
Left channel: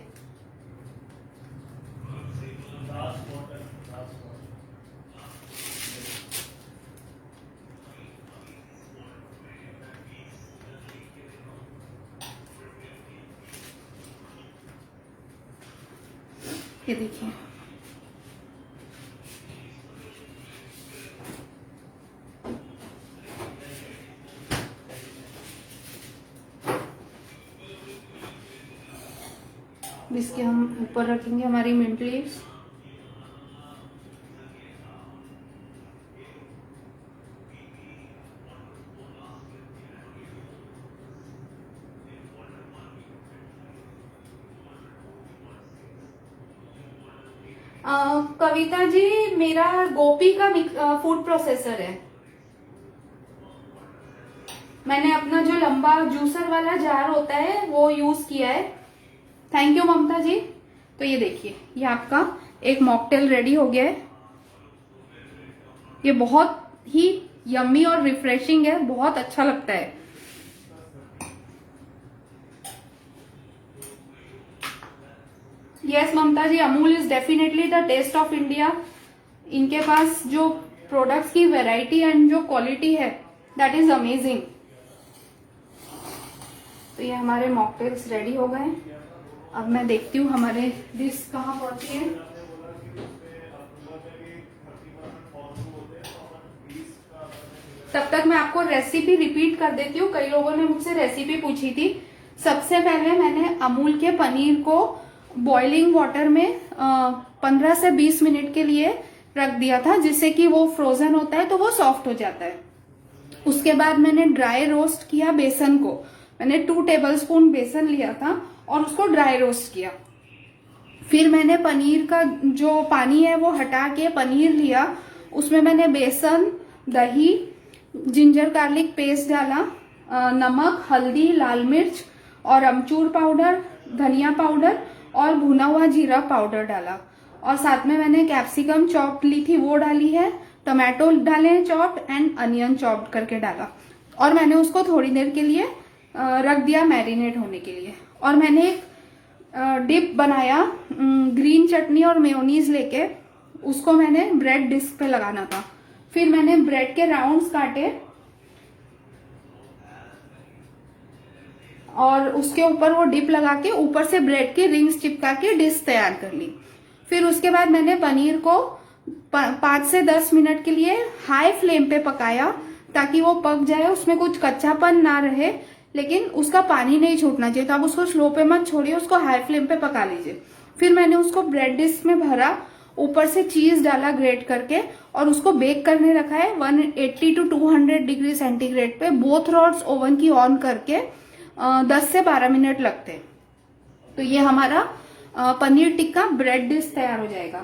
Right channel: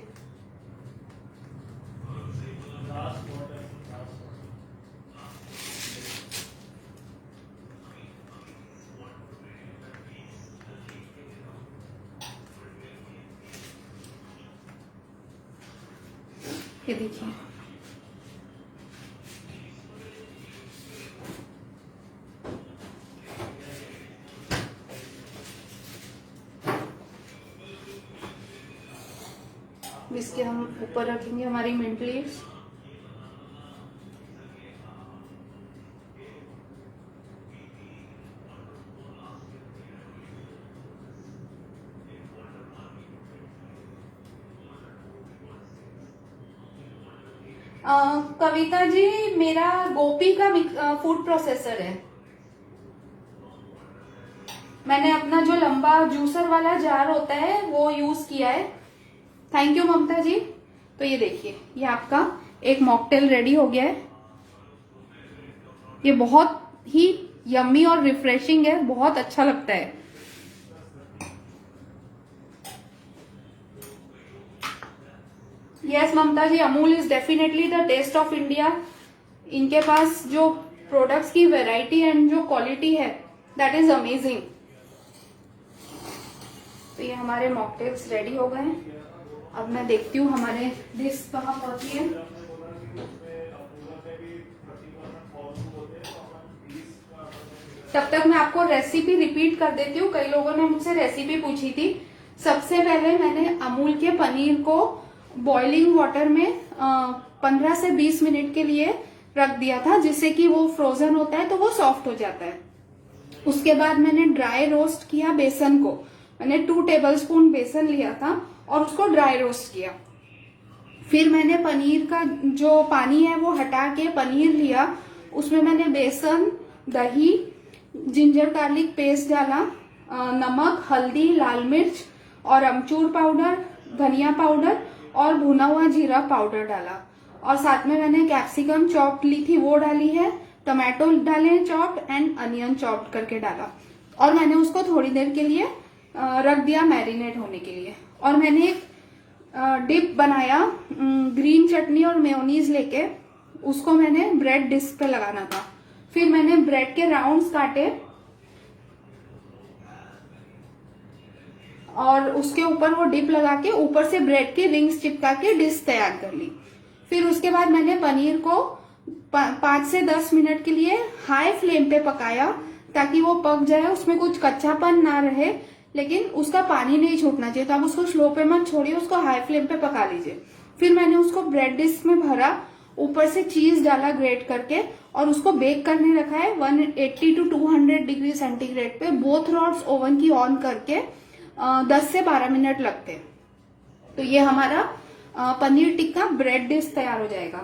ये देखिए, इसके हम ऊपर रखेंगे हमारी मिंट लीव्स। कविता जी, मेरा गोपी का फूड प्रोसेसर है। मैंने अपना जो लंबा जूसर वाला जार होता है वो यूज किया है। थैंक यू ममता जी। तो ये देखिए, ये आपका एक मॉकटेल रेडी हो गया है। ये बहुत ही यम्मी और रिफ्रेशिंग है, बहुत अच्छा लगता है। Yes Mamta ji, Amul is definitely the taste of India. इनके पास जो प्रोडक्ट्स की वैरायटी एंड जो क्वालिटी है, दैट इज अमेजिंग। तो ये हमारे मॉकटेल्स रेडी हो गए हैं। अब मैं देखती हूँ हमारे डिश कहाँ पहुंची है। तब तक मैं आपको रेसिपी रिपीट कर देती हूँ। कई लोगों ने मुझसे रेसिपी पूछी थी। सबसे पहले मैंने अमूल के पनीर को बॉइलिंग वाटर में 15 से 20 मिनट के लिए रख दिया था, जिससे कि वो फ्रोजन होता है तो वो सॉफ्ट हो जाता है। उसके बाद मैंने ड्राई रोस्ट किया बेसन को। मैंने 2 टेबलस्पून बेसन लिया था और उसको ड्राई रोस्ट किया। फिर मैंने पनीर का जो पानी है वो हटा के पनीर लिया। उसमें मैंने बेसन, दही, जिंजर गार्लिक पेस्ट डाला, नमक, हल्दी, लाल मिर्च और अमचूर पाउडर, धनिया पाउडर और भुना हुआ जीरा पाउडर डाला। और साथ में मैंने कैप्सिकम चॉप ली थी वो डाली है, टमाटो डाले चॉप एंड अनियन चॉप करके डाला। और मैंने उसको थोड़ी देर के लिए रख दिया मैरिनेट होने के लिए। और मैंने एक डिप बनाया ग्रीन चटनी और मेयोनीज लेके, उसको मैंने ब्रेड डिस्क पे लगाना था। फिर मैंने ब्रेड के राउंड्स काटे और उसके ऊपर वो डिप लगा के ऊपर से ब्रेड की रिंग्स चिपका के डिश तैयार कर ली। फिर उसके बाद मैंने पनीर को 5 से 10 मिनट के लिए हाई फ्लेम पे पकाया, ताकि वो पक जाए, उसमें कुछ कच्चापन ना रहे, लेकिन उसका पानी नहीं छूटना चाहिए। तो आप उसको स्लो पे मत छोड़िए, उसको हाई फ्लेम पे पका लीजिए। फिर मैंने उसको ब्रेड डिश में भरा, ऊपर से चीज डाला ग्रेट करके और उसको बेक करने रखा है 180 to 200 डिग्री सेंटीग्रेड पे। बोथ रॉड्स ओवन की ऑन करके 10 से 12 मिनट लगते हैं। तो ये हमारा पनीर टिक्का ब्रेड डिश तैयार हो जाएगा।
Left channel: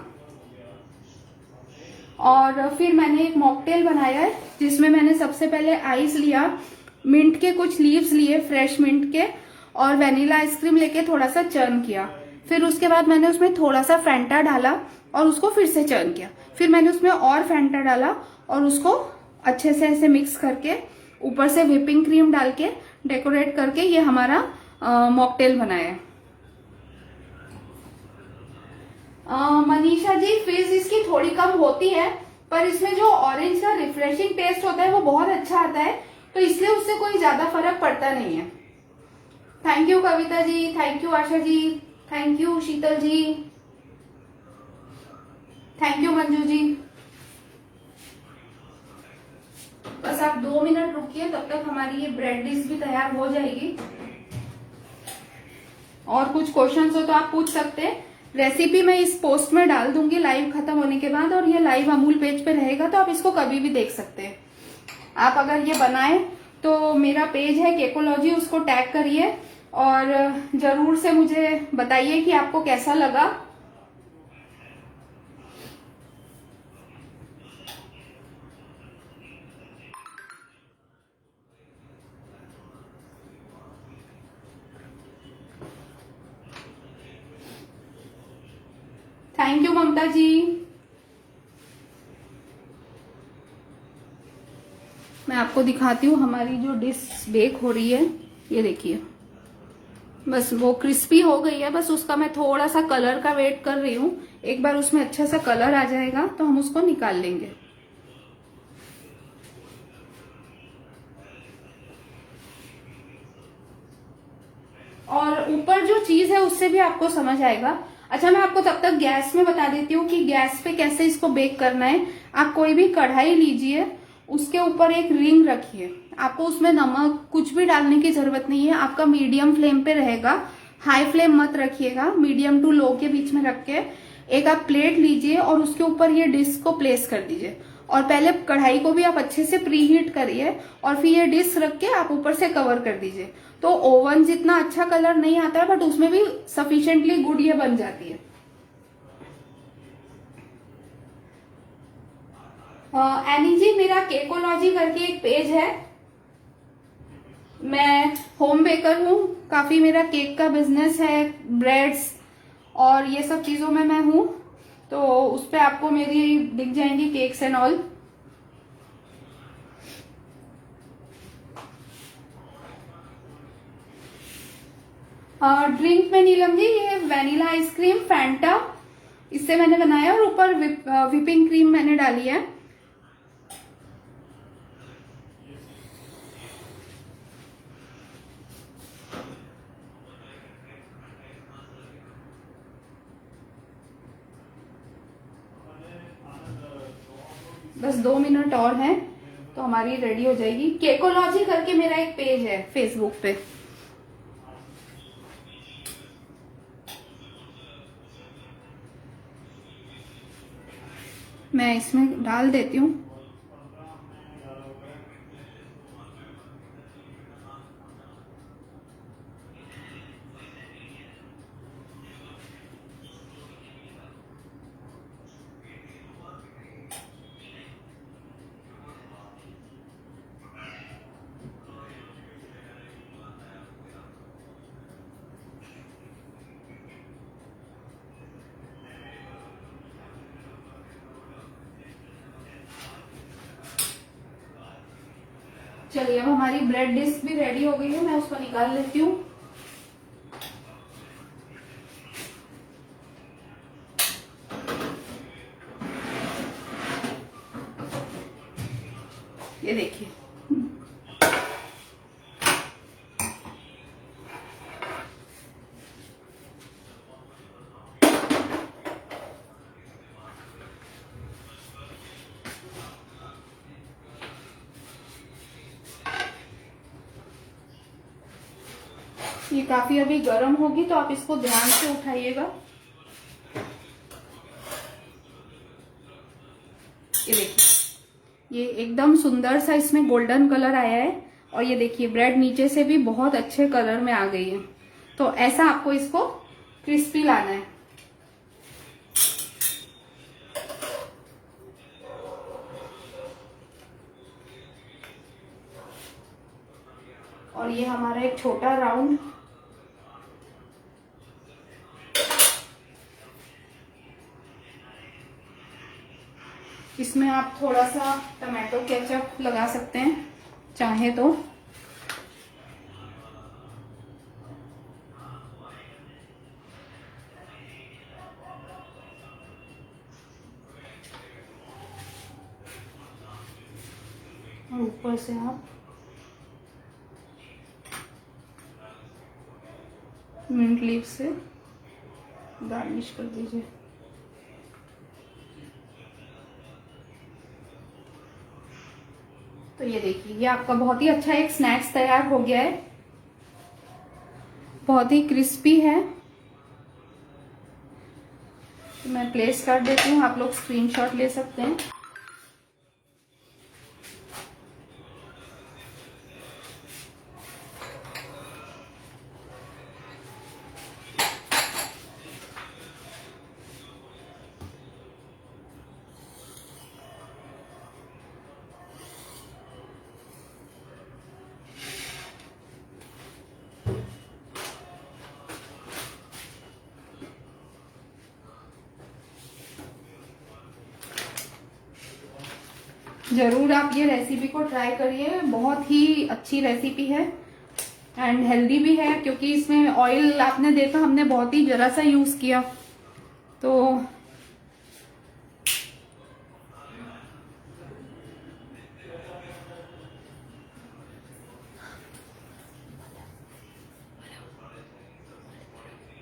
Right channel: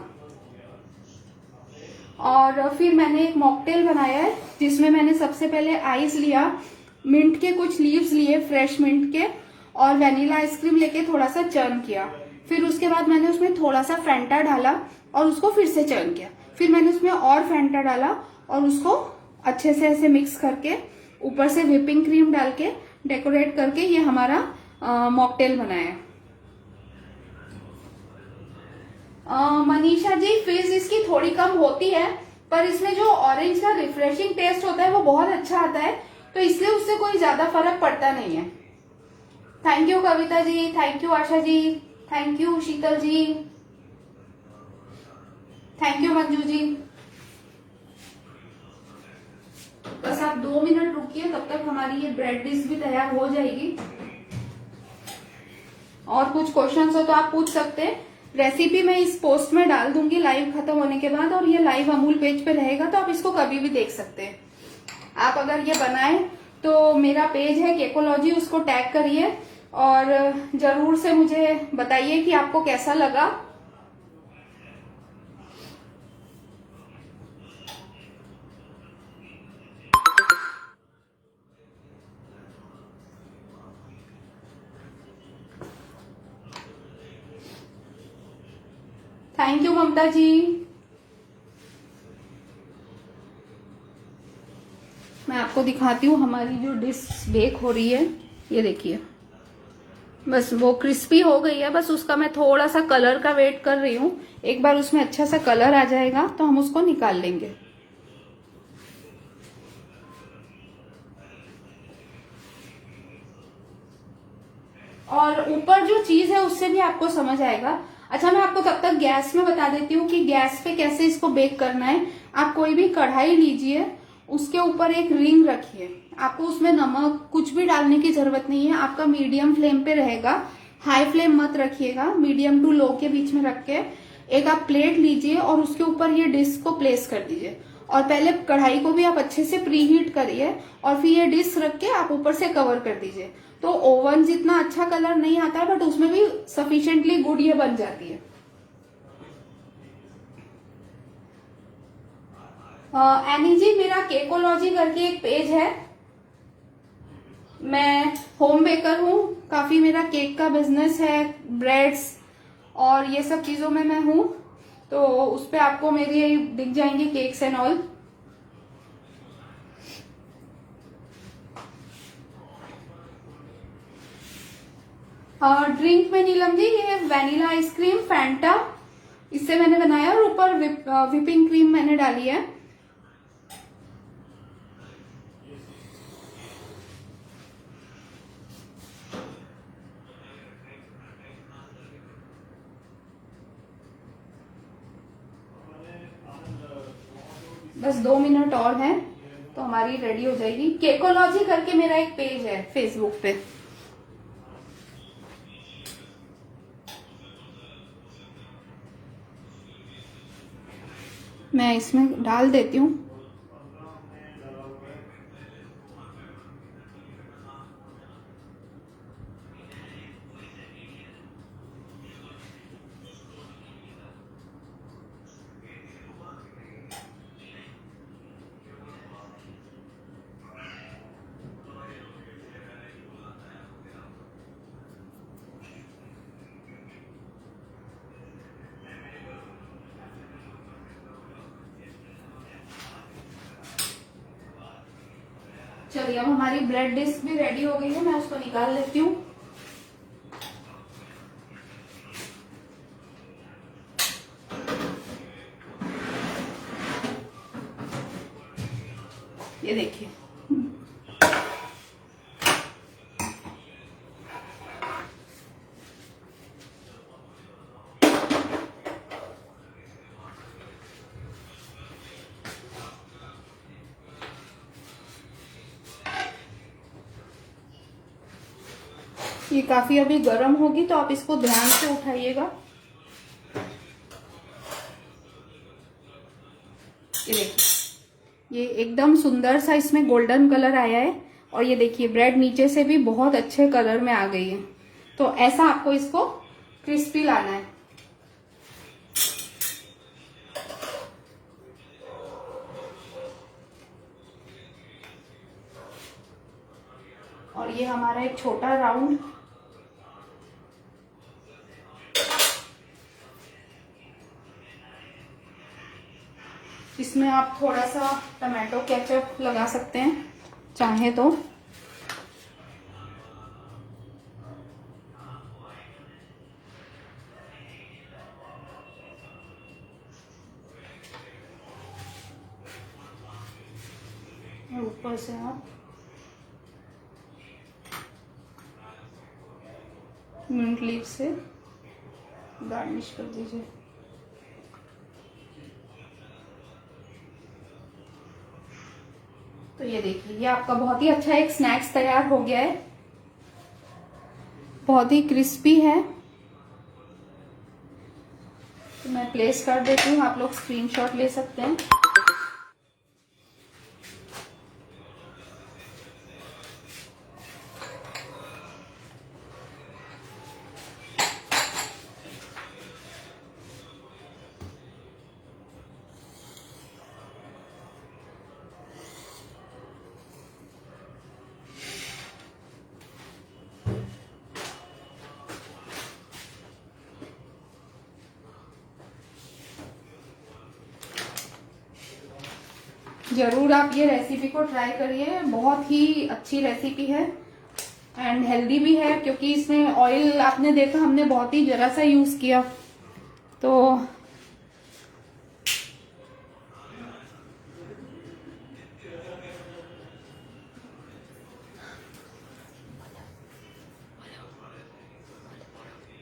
और फिर मैंने एक मॉकटेल बनाया है, जिसमें मैंने सबसे पहले आइस लिया, मिंट के कुछ लीव्स लिए फ्रेश मिंट के, और वेनिला आइसक्रीम लेके थोड़ा सा चर्न किया। फिर उसके बाद मैंने उसमें थोड़ा सा फैंटा डाला और उसको फिर से चर्न किया। फिर मैंने उसमें और फैंटा डाला और उसको अच्छे से ऐसे मिक्स करके ऊपर से व्हिपिंग क्रीम डाल के डेकोरेट करके ये हमारा मॉकटेल बनाया है। मनीषा जी, फीस इसकी थोड़ी कम होती है, पर इसमें जो ऑरेंज का रिफ्रेशिंग टेस्ट होता है वो बहुत अच्छा आता है, तो इसलिए उससे कोई ज्यादा फर्क पड़ता नहीं है। Thank you Kavita ji, thank you Asha ji, thank you Shital ji, thank you Manju ji. बस आप 2 मिनट रुकिए, तब तक हमारी ये ब्रेड डिश भी तैयार हो जाएगी। और कुछ क्वेश्चंस हो तो आप पूछ सकते हैं। रेसिपी मैं इस पोस्ट में डाल दूंगी लाइव खत्म होने के बाद, और ये लाइव अमूल पेज पे रहेगा, तो आप इसको कभी भी देख सकते हैं। आप अगर ये बनाएं तो मेरा पेज है केकोलॉजी, उसको टैग करिए और जरूर से मुझे बताइए कि आपको कैसा लगा। थैंक यू ममता जी। मैं आपको दिखाती हूँ हमारी जो डिश बेक हो रही है। ये देखिए, बस वो क्रिस्पी हो गई है, बस उसका मैं थोड़ा सा कलर का वेट कर रही हूँ। एक बार उसमें अच्छा सा कलर आ जाएगा तो हम उसको निकाल लेंगे। और ऊपर जो चीज है उससे भी आपको समझ आएगा। अच्छा, मैं आपको तब तक गैस में बता देती हूँ कि गैस पे कैसे इसको बेक करना है। आप कोई भी कढ़ाई लीजिए, उसके ऊपर एक रिंग रखिए। आपको उसमें नमक कुछ भी डालने की जरूरत नहीं है, आपका मीडियम फ्लेम पे रहेगा, हाई फ्लेम मत रखिएगा, मीडियम टू लो के बीच में रख के एक आप प्लेट लीजिए और उसके ऊपर ये डिश को प्लेस कर दीजिए। और पहले कढ़ाई को भी आप अच्छे से प्री हीट करिए और फिर ये डिश रख के आप ऊपर से कवर कर दीजिए। तो ओवन जितना अच्छा कलर नहीं आता है, बट उसमें भी सफिशिएंटली गुड ये बन जाती है। एनी जी, मेरा केकोलॉजी करके एक पेज है। मैं होम बेकर हूँ, काफी मेरा केक का बिजनेस है, ब्रेड्स और ये सब चीजों में मैं हूँ। तो उस पे आपको मेरी दिख जाएंगे केक्स एंड ऑल। ड्रिंक में नीलम जी, ये वैनिला आइसक्रीम फैंटा, इससे मैंने बनाया और ऊपर विपिंग क्रीम मैंने डाली है। बस 2 मिनट और हैं तो हमारी रेडी हो जाएगी। केकोलॉजी करके मेरा एक पेज है फेसबुक पे। मैं इसमें डाल देती हूँ। चलिए, अब हमारी ब्रेड डिश भी रेडी हो गई है, मैं उसको निकाल लेती हूँ। ये देखिए, ये काफी अभी गर्म होगी तो आप इसको ध्यान से उठाइएगा। ये देखिए, ये एकदम सुंदर सा इसमें गोल्डन कलर आया है और ये देखिए ब्रेड नीचे से भी बहुत अच्छे कलर में आ गई है। तो ऐसा आपको इसको क्रिस्पी लाना है। और ये हमारा एक छोटा राउंड, इसमें आप थोड़ा सा टमाटो केचप लगा सकते हैं चाहे तो। और ऊपर से आप मिंट लीफ से गार्निश कर दीजिए। तो ये देखिए, ये आपका बहुत ही अच्छा एक स्नैक्स तैयार हो गया है, बहुत ही क्रिस्पी है। तो मैं प्लेस कर देती हूँ, आप लोग स्क्रीनशॉट ले सकते हैं। जरूर आप ये रेसिपी को ट्राई करिए, बहुत ही अच्छी रेसिपी है एंड हेल्दी भी है, क्योंकि इसमें ऑयल आपने देखा हमने बहुत ही जरा सा यूज किया। तो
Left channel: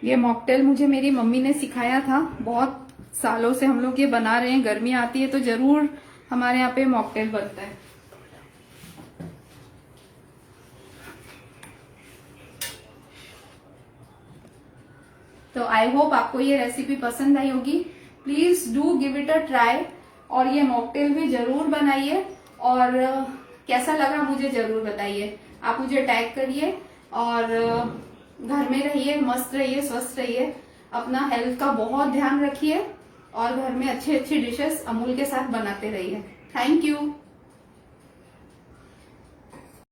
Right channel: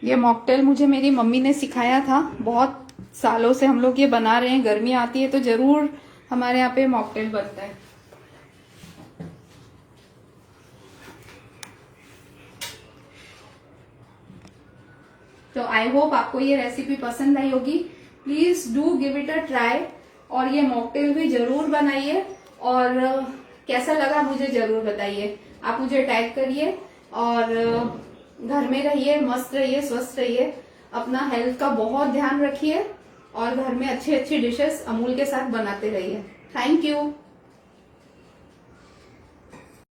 ये मॉकटेल मुझे मेरी मम्मी ने सिखाया था, बहुत सालों से हम लोग ये बना रहे हैं। गर्मी आती है तो जरूर हमारे यहाँ पे मॉकटेल बनता है। तो आई होप आपको ये रेसिपी पसंद आई होगी। Please do give it a try और ये मॉकटेल भी जरूर बनाइए और कैसा लगा मुझे जरूर बताइए। आप मुझे टैग करिए और घर में रहिए, मस्त रहिए, स्वस्थ रहिए, अपना हेल्थ का बहुत ध्यान रखिए और घर में अच्छी अच्छी डिशेस अमूल के साथ बनाते रहिए। Thank you.